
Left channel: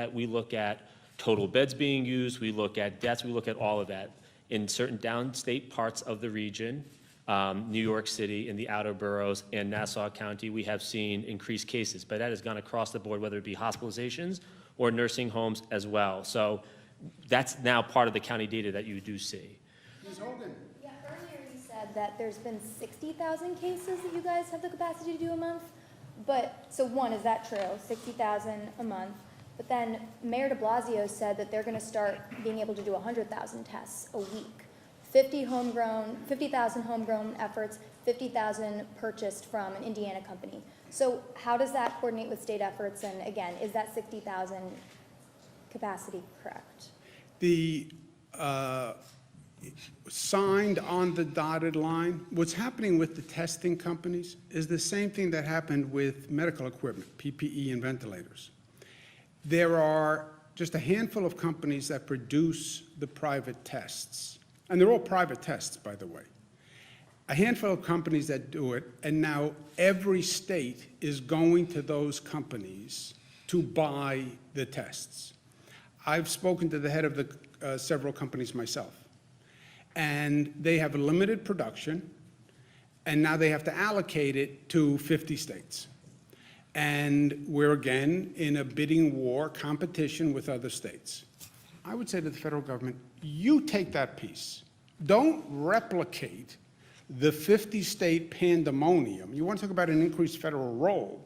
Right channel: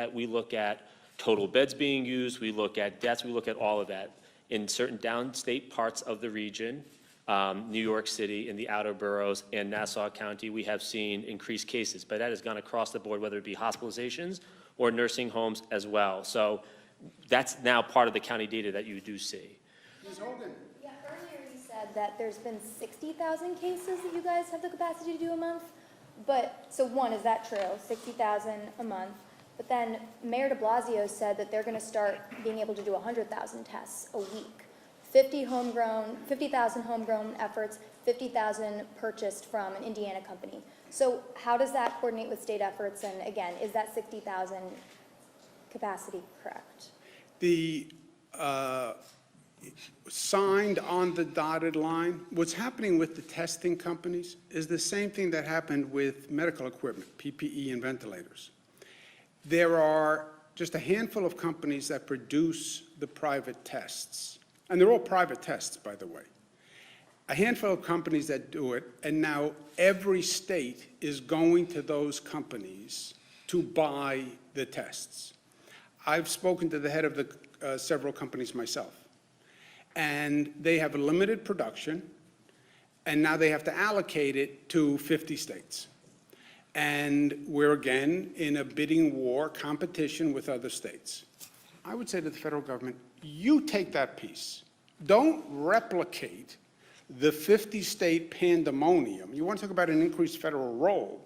at total beds being used, we look at deaths, we look at all of that. In certain downstate parts of the region, New York City, in the outer boroughs, and Nassau County, we have seen increased cases, but that has gone across the board, whether it be hospitalizations or nursing homes as well. So that's now part of the county data that you do see. Ms. Hogan. Yeah, earlier you said that there's been 60,000 cases that you guys have the capacity to do a month. But, so one, is that true? 60,000 a month. But then Mayor de Blasio said that they're going to start being able to do 100,000 tests a week. 50,000 homegrown efforts, 50,000 purchased from an Indiana company. So how does that coordinate with state efforts? And again, is that 60,000 capacity correct? The signed on the dotted line, what's happening with the testing companies is the same thing that happened with medical equipment, PPE and ventilators. There are just a handful of companies that produce the private tests, and they're all private tests, by the way. A handful of companies that do it, and now every state is going to those companies to buy the tests. I've spoken to the head of the several companies myself, and they have a limited production, and now they have to allocate it to 50 states. And we're again in a bidding war competition with other states. I would say to the federal government, you take that piece. Don't replicate the 50-state pandemonium. You want to talk about an increased federal role.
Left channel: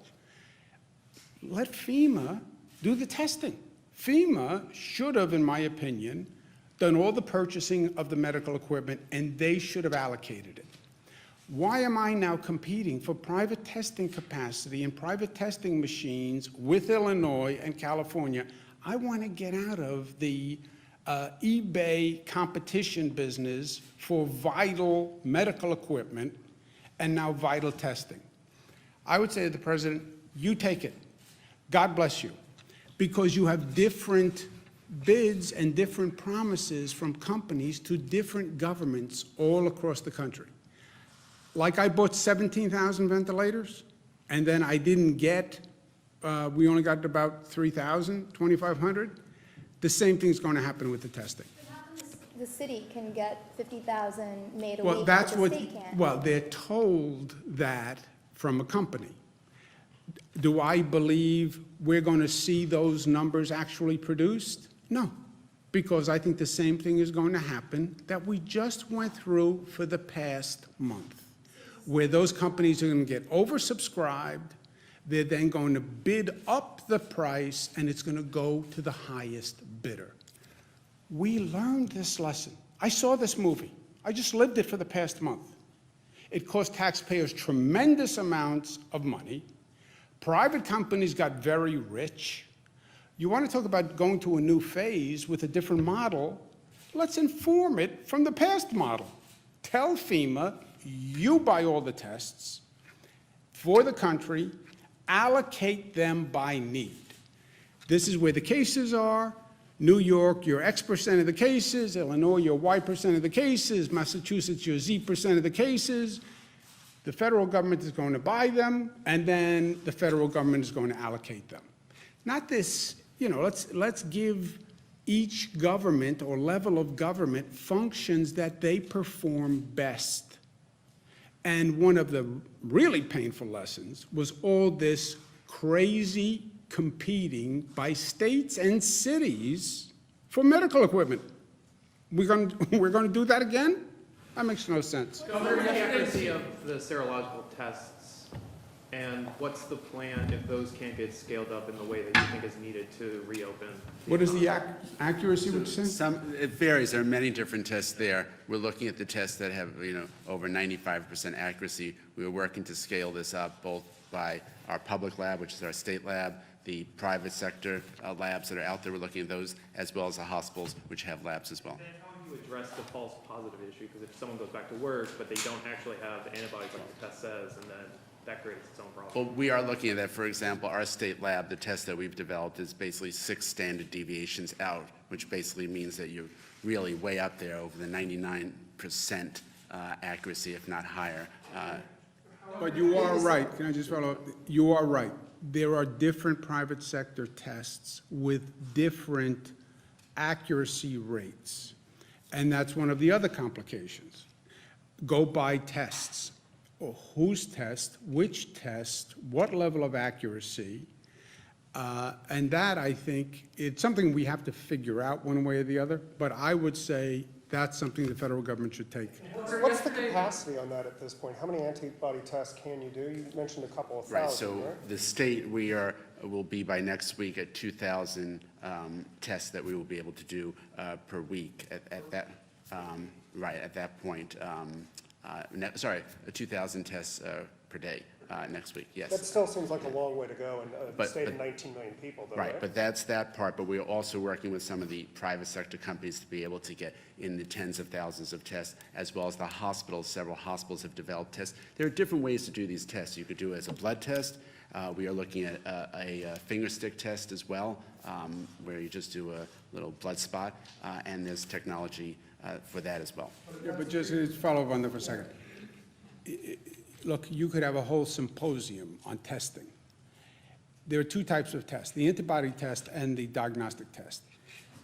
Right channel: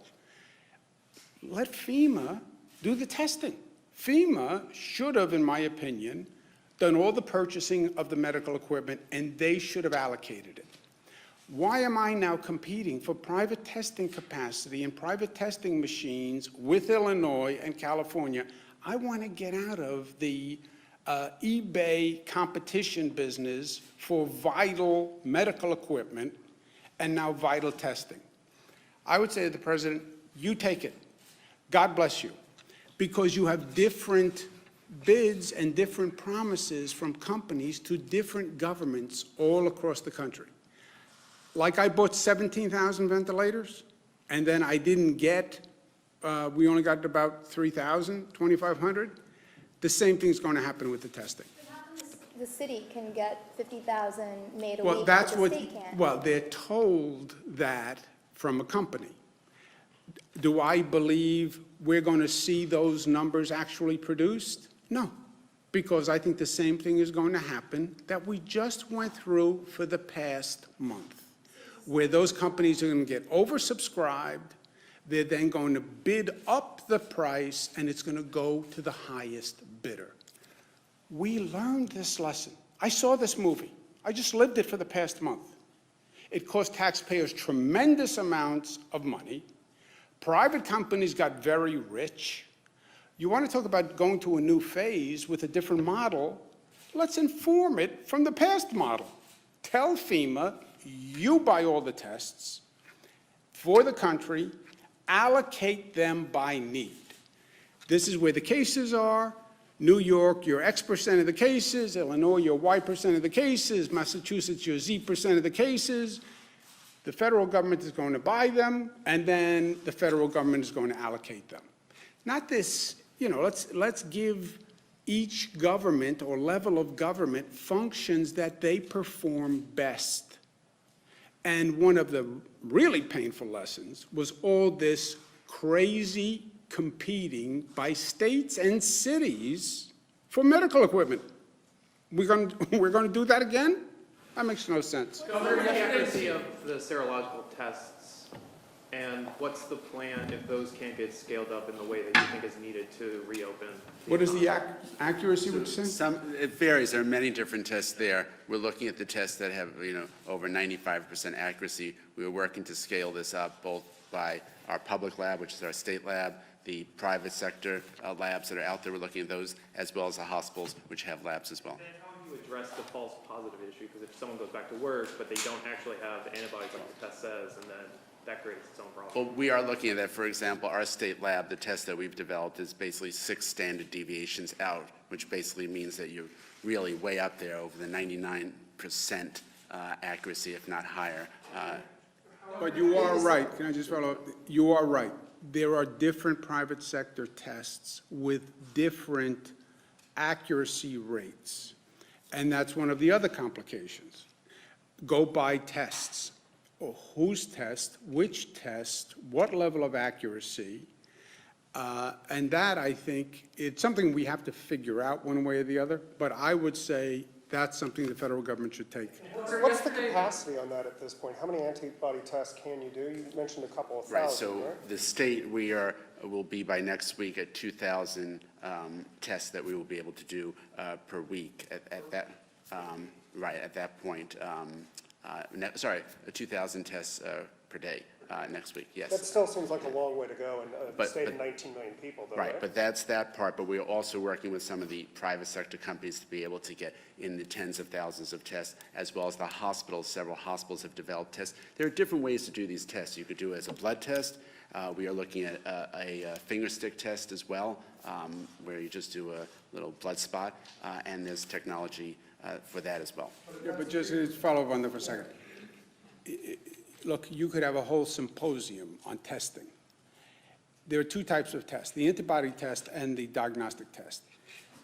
Let FEMA do the testing. FEMA should have, in my opinion, done all the purchasing of the medical equipment, and they should have allocated it. Why am I now competing for private testing capacity and private testing machines with Illinois and California? I want to get out of the eBay competition business for vital medical equipment and now vital testing. I would say to the president, you take it. God bless you. Because you have different bids and different promises from companies to different governments all across the country. Like I bought 17,000 ventilators, and then I didn't get, we only got about 3,000, 2,500. The same thing's going to happen with the testing. The city can get 50,000 made a Well, week, that's but the what, state can't. well, they're told that from a company. Do I believe we're going to see those numbers actually produced? No, because I think the same thing is going to happen that we just went through for the past month, where those companies are going to get oversubscribed, They're then going to bid up the price, and it's going to go to the highest bidder. We learned this lesson. I saw this movie. I just lived it for the past month. It cost taxpayers tremendous amounts of money. Private companies got very rich. You want to talk about going to a new phase with a different model? Let's inform it from the past model. Tell FEMA, you buy all the tests for the country, allocate them by need. This is where the cases are. New York, your X% of the cases. Illinois, your Y% of the cases. Massachusetts, your Z% of the cases. The federal government is going to buy them, and then the federal government is going to allocate them. Not this, let's give each government or level of government functions that they perform best. And one of the really painful lessons was all this crazy competing by states and cities for medical equipment. We're going to do that again? That makes no sense. Governor, the accuracy of the serological tests, and what's the plan if those can't get scaled up in the way that you think is needed to reopen? What is the accuracy, would you say? It varies. There are many different tests there. We're looking at the tests that have, over 95% accuracy. We're working to scale this up both by our public lab, which is our state lab, the private sector labs that are out there. We're looking at those, as well as the hospitals, which have labs as well. And how do you address the false positive issue? Because if someone goes back to work, but they don't actually have the antibodies like the test says, and then that creates its own problem. Well, we are looking at that. For example, our state lab, the test that we've developed is basically 6 standard deviations out, which basically means that you're really way up there over the 99% accuracy, if not higher. But you are right. Can I just follow up? You are right. There are different private sector tests with different accuracy rates. And that's one of the other complications. Go buy tests. Or whose test, which test, what level of accuracy. And that, I think, it's something we have to figure out one way or the other. But I would say that's something the federal government should take. What's the capacity on that at this point? How many antibody tests can you do? You mentioned a couple of thousand, Right, so the state, will be by next week at 2,000 tests that we will be able to do per week at that point. 2,000 tests per day next week, yes. That still seems like a long way to go in a But- state of but- 19 million people, though, Right, but that's that part, but we're also working with some of the private sector companies to be able to get in the tens of thousands of tests, as well as the hospitals. Several hospitals have developed tests. There are different ways to do these tests. You could do it as a blood test. We are looking at a finger stick test as well, where you just do a little blood spot, and there's technology for that as well. Yeah, but just to follow up on that for a second. Look, you could have a whole symposium on testing. There are 2 types of tests, the antibody test and the diagnostic test.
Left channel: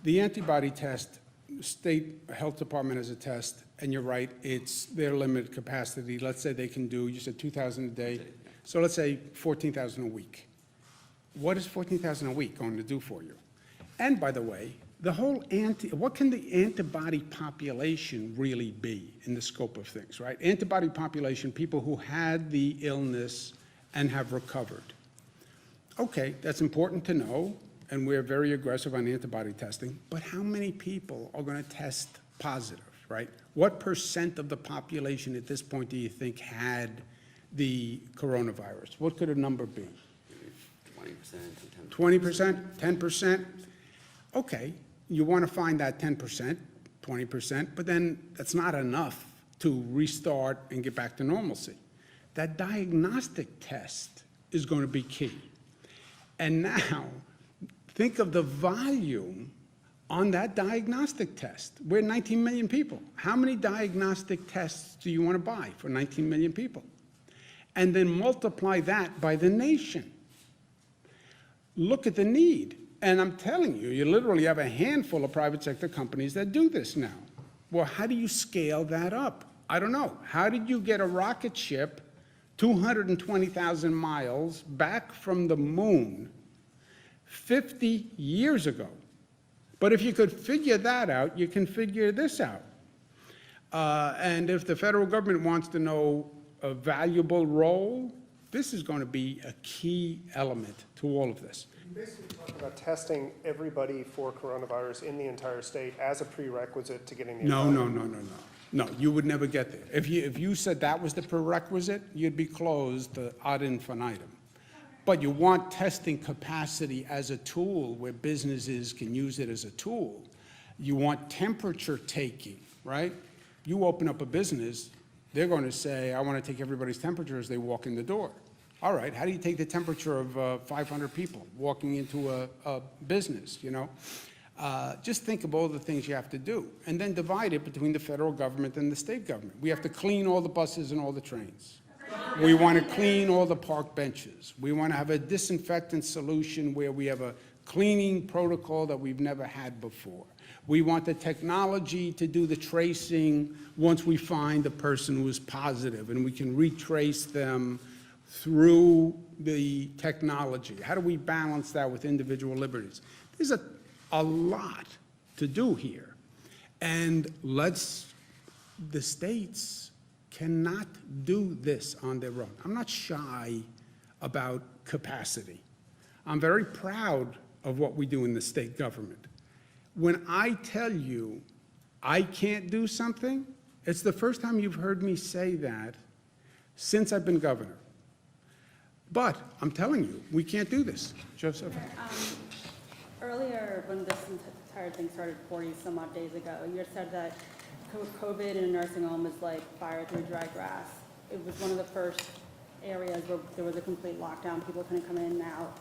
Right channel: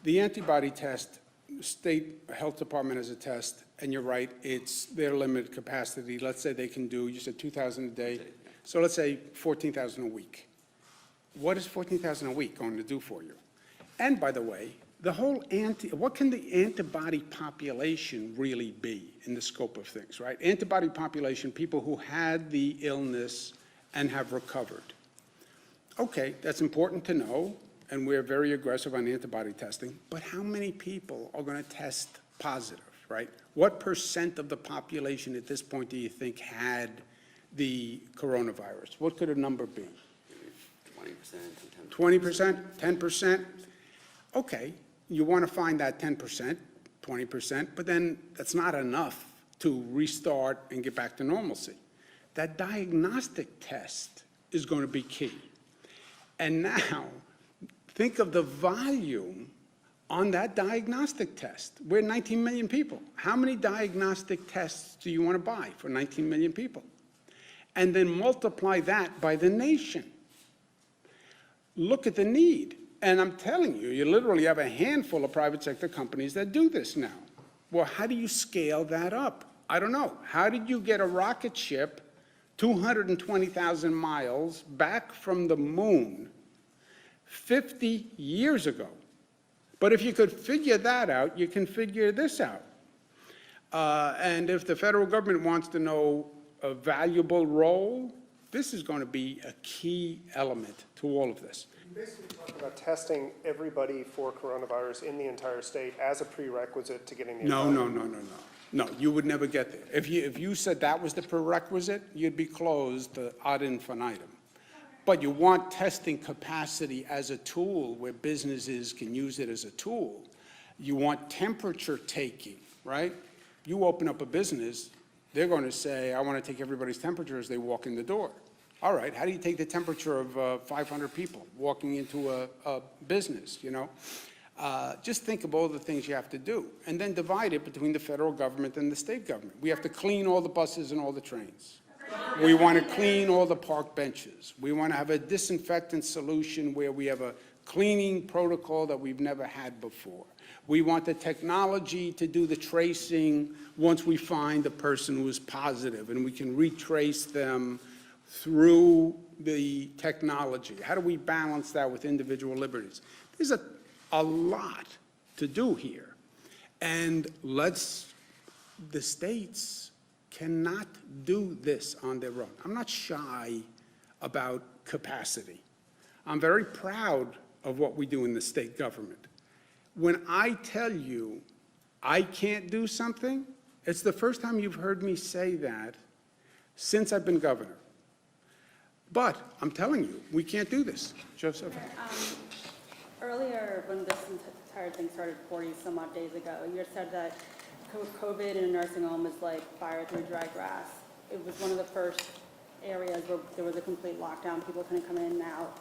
The antibody test, state health department has a test, and you're right, it's their limited capacity. Let's say they can do, you said 2,000 a day, so let's say 14,000 a week. What is 14,000 a week going to do for you? And by the way, what can the antibody population really be in the scope of things, right? Antibody population, people who had the illness and have recovered. Okay, that's important to know, and we're very aggressive on antibody testing, but how many people are going to test positive, right? What % of the population at this point do you think had the coronavirus? What could a number be? 20%. 20%, 10%? Okay, you want to find that 10%, 20%, but then that's not enough to restart and get back to normalcy. That diagnostic test is going to be key. And now, think of the volume on that diagnostic test. We're 19 million people. How many diagnostic tests do you want to buy for 19 million people? And then multiply that by the nation. Look at the need. And I'm telling you, you literally have a handful of private sector companies that do this now. Well, how do you scale that up? I don't know. How did you get a rocket ship 220,000 miles back from the moon 50 years ago? But if you could figure that out, you can figure this out. And if the federal government wants to know a valuable role This is going to be a key element to all of this. Basically talking about testing everybody for coronavirus in the entire state as a prerequisite to getting the. No, no, no, no, no. No, you would never get there. If you said that was the prerequisite, you'd be closed ad infinitum. But you want testing capacity as a tool where businesses can use it as a tool. You want temperature taking, right? You open up a business, they're going to say, I want to take everybody's temperature as they walk in the door. All right, how do you take the temperature of 500 people walking into a business, you know? Just think of all the things you have to do, and then divide it between the federal government and the state government. We have to clean all the buses and all the trains. We want to clean all the park benches. We want to have a disinfectant solution where we have a cleaning protocol that we've never had before. We want the technology to do the tracing once we find the person who is positive, and we can retrace them through the technology. How do we balance that with individual liberties? There's a lot to do here. And the states cannot do this on their own. I'm not shy about capacity. I'm very proud of what we do in the state government. When I tell you I can't do something, it's the first time you've heard me say that since I've been governor. But I'm telling you, we can't do this. Joseph? Earlier, when this entire thing started 40-some odd days ago, you had said that COVID in a nursing home is like fire through dry grass. It was one of the first areas where there was a complete lockdown. People couldn't come in and out.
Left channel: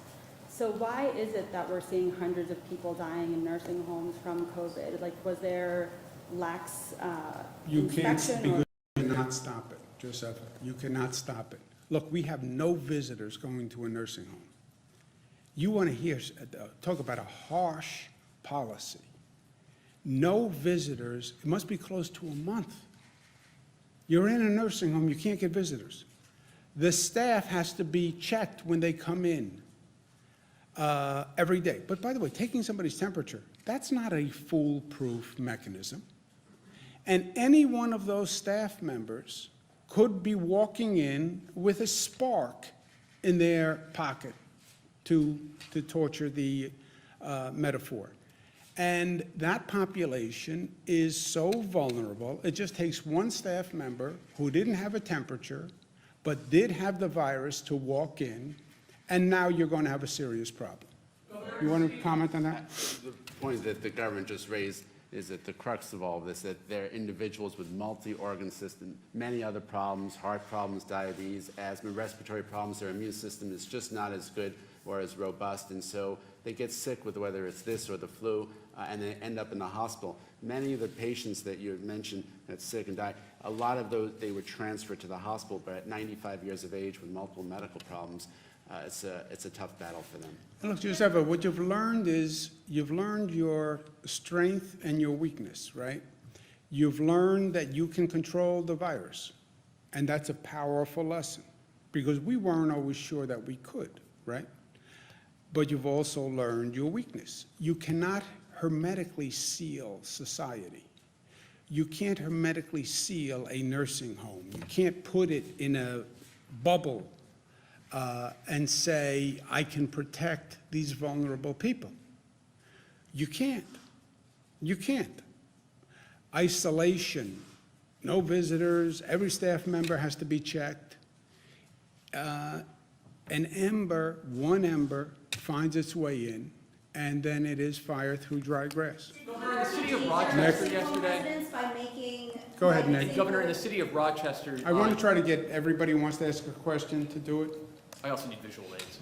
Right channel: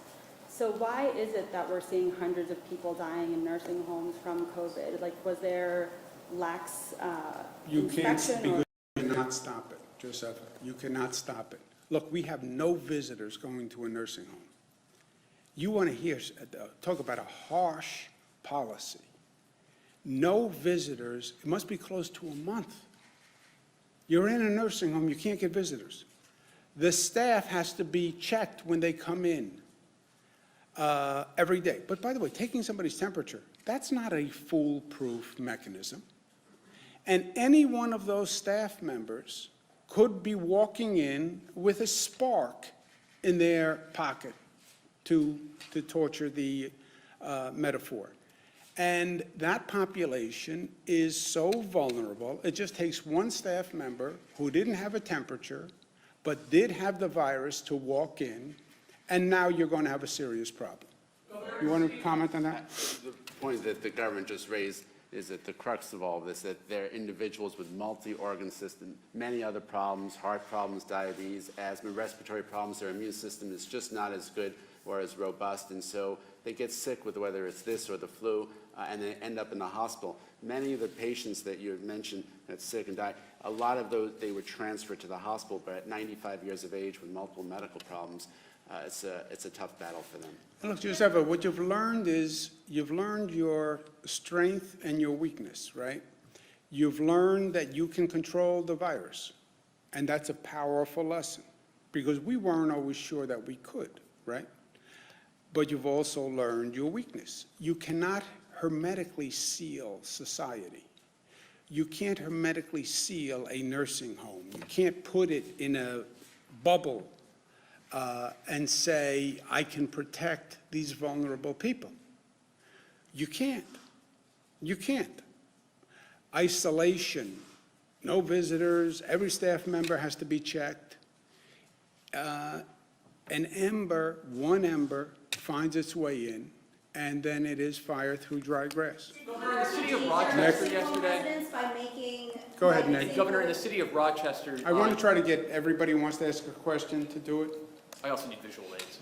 So why is it that we're seeing hundreds of people dying in nursing homes from COVID? Like, was there lax You can't, inspection? because you cannot stop it, Joseph. You cannot stop it. Look, we have no visitors going to a nursing home. You want to hear, talk about a harsh policy. No visitors, it must be close to a month. You're in a nursing home, you can't get visitors. The staff has to be checked when they come in every day. But by the way, taking somebody's temperature, that's not a foolproof mechanism. And any one of those staff members could be walking in with a spark in their pocket, to torture the metaphor. And that population is so vulnerable, it just takes one staff member who didn't have a temperature, but did have the virus to walk in, and now you're going to have a serious problem. You want to comment on that? The point that the government just raised is that the crux of all of this, that they're individuals with multi-organ system, many other problems, heart problems, diabetes, asthma, respiratory problems. Their immune system is just not as good or as robust, and so they get sick with whether it's this or the flu, and they end up in the hospital. Many of the patients that you had mentioned that's sick and die, a lot of those, they were transferred to the hospital, but at 95 years of age with multiple medical problems, it's a tough battle for them. Look, Giuseppe, what you've learned is you've learned your strength and your weakness, right? You've learned that you can control the virus, and that's a powerful lesson, because we weren't always sure that we could, right? But you've also learned your weakness. You cannot hermetically seal society. You can't hermetically seal a nursing home. You can't put it in a bubble and say, I can protect these vulnerable people. You can't. You can't. Isolation, no visitors, every staff member has to be checked. An ember, one ember, finds its way in, and then it is fire through dry grass. Governor, in the city of Rochester yesterday. By making. Go ahead, Nick. Governor, in the city of Rochester. I want to try to get everybody who wants to ask a question to do it. I also need visual aids.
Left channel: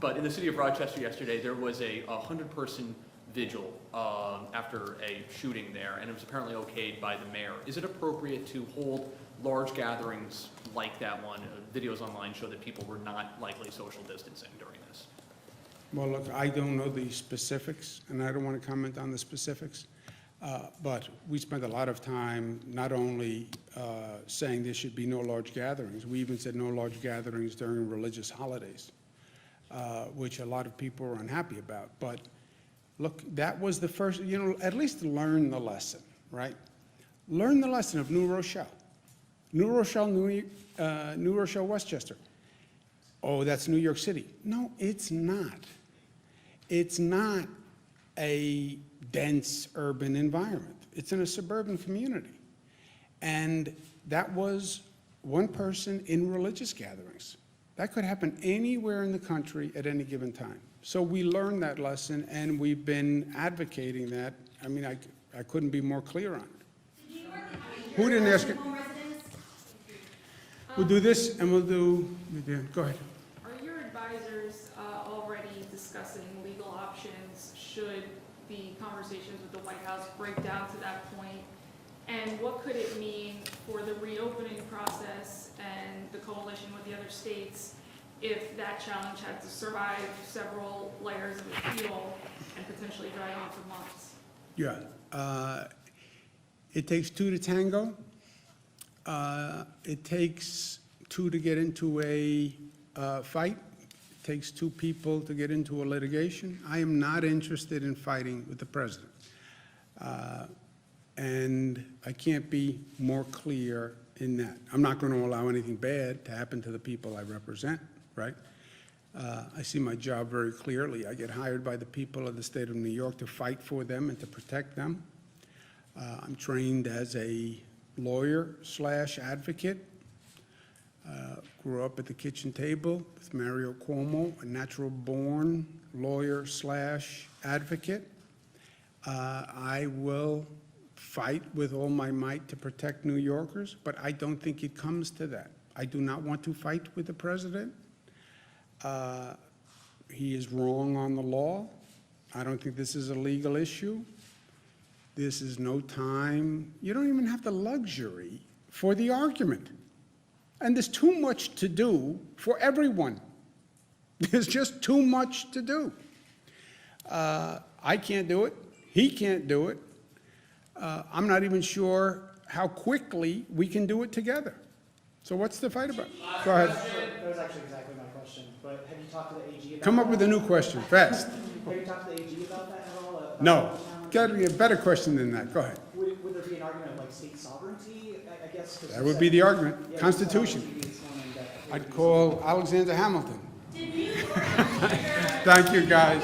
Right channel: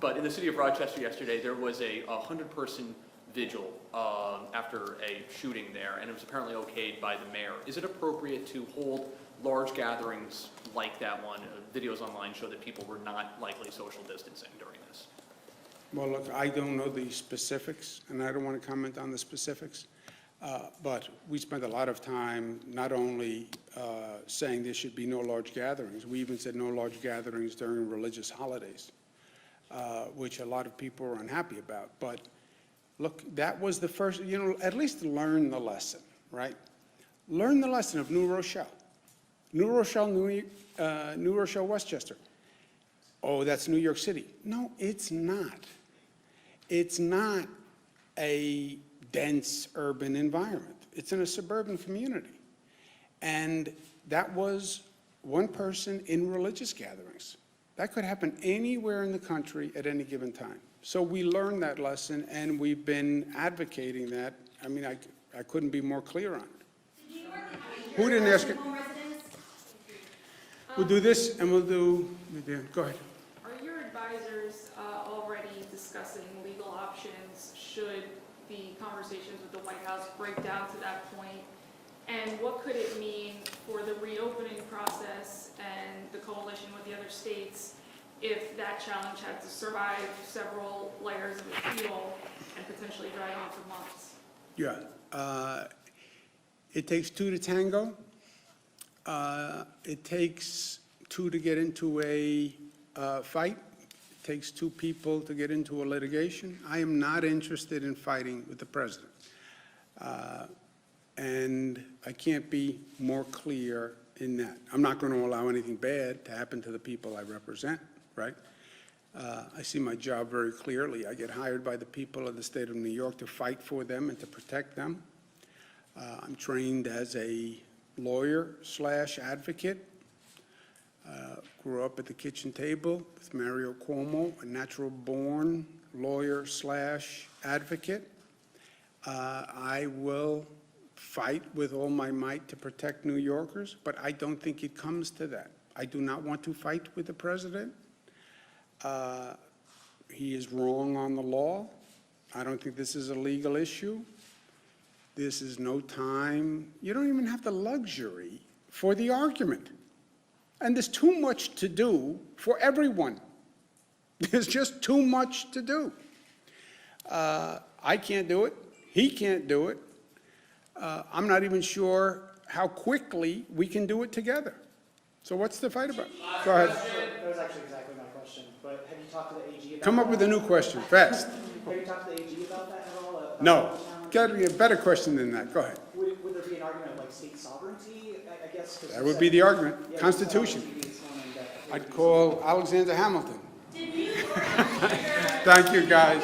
But in the city of Rochester yesterday, there was a 100-person vigil after a shooting there, and it was apparently okayed by the mayor. Is it appropriate to hold large gatherings like that one? Videos online show that people were not likely social distancing during this. Well, look, I don't know the specifics, and I don't want to comment on the specifics, but we spent a lot of time not only saying there should be no large gatherings, we even said no large gatherings during religious holidays, which a lot of people were unhappy about. But look, that was the first, you know, at least learn the lesson, right? Learn the lesson of New Rochelle. New Rochelle, Westchester. oh, that's New York City. No, it's not. It's not a dense urban environment. It's in a suburban community. And that was one person in religious gatherings. That could happen anywhere in the country at any given time. So we learned that lesson, and we've been advocating that. I mean, I couldn't be more clear on it. Who didn't ask it? Home residents? We'll do this, and we'll do, go ahead. Are your advisors already discussing legal options should the conversations with the White House break down to that point? And what could it mean for the reopening process and the coalition with the other states if that challenge had to survive several layers of appeal and potentially drag on for months? Yeah. It takes two to tango. It takes two to get into a fight. It takes two people to get into a litigation. I am not interested in fighting with the president. And I can't be more clear in that. I'm not going to allow anything bad to happen to the people I represent, right? I see my job very clearly. I get hired by the people of the state of New York to fight for them and to protect them. I'm trained as a lawyer/advocate. Grew up at the kitchen table with Mario Cuomo, a natural-born lawyer/advocate. I will fight with all my might to protect New Yorkers, but I don't think it comes to that. I do not want to fight with the president. He is wrong on the law. I don't think this is a legal issue. This is no time. You don't even have the luxury for the argument. And there's too much to do for everyone. There's just too much to do. I can't do it. He can't do it. I'm not even sure how quickly we can do it together. So what's the fight about? Go ahead. That was actually exactly my question, but have you talked to the AG about Come up with a new question, fast. Have you talked to the AG about that at all? About No. the challenge? Got to be a better question than that. Go ahead. Would there be an argument of like state sovereignty, I guess? 'Cause That you would said- be the argument. Yeah, you Constitution. said on TV this morning that it I'd would be call Alexander Hamilton. Thank you, guys.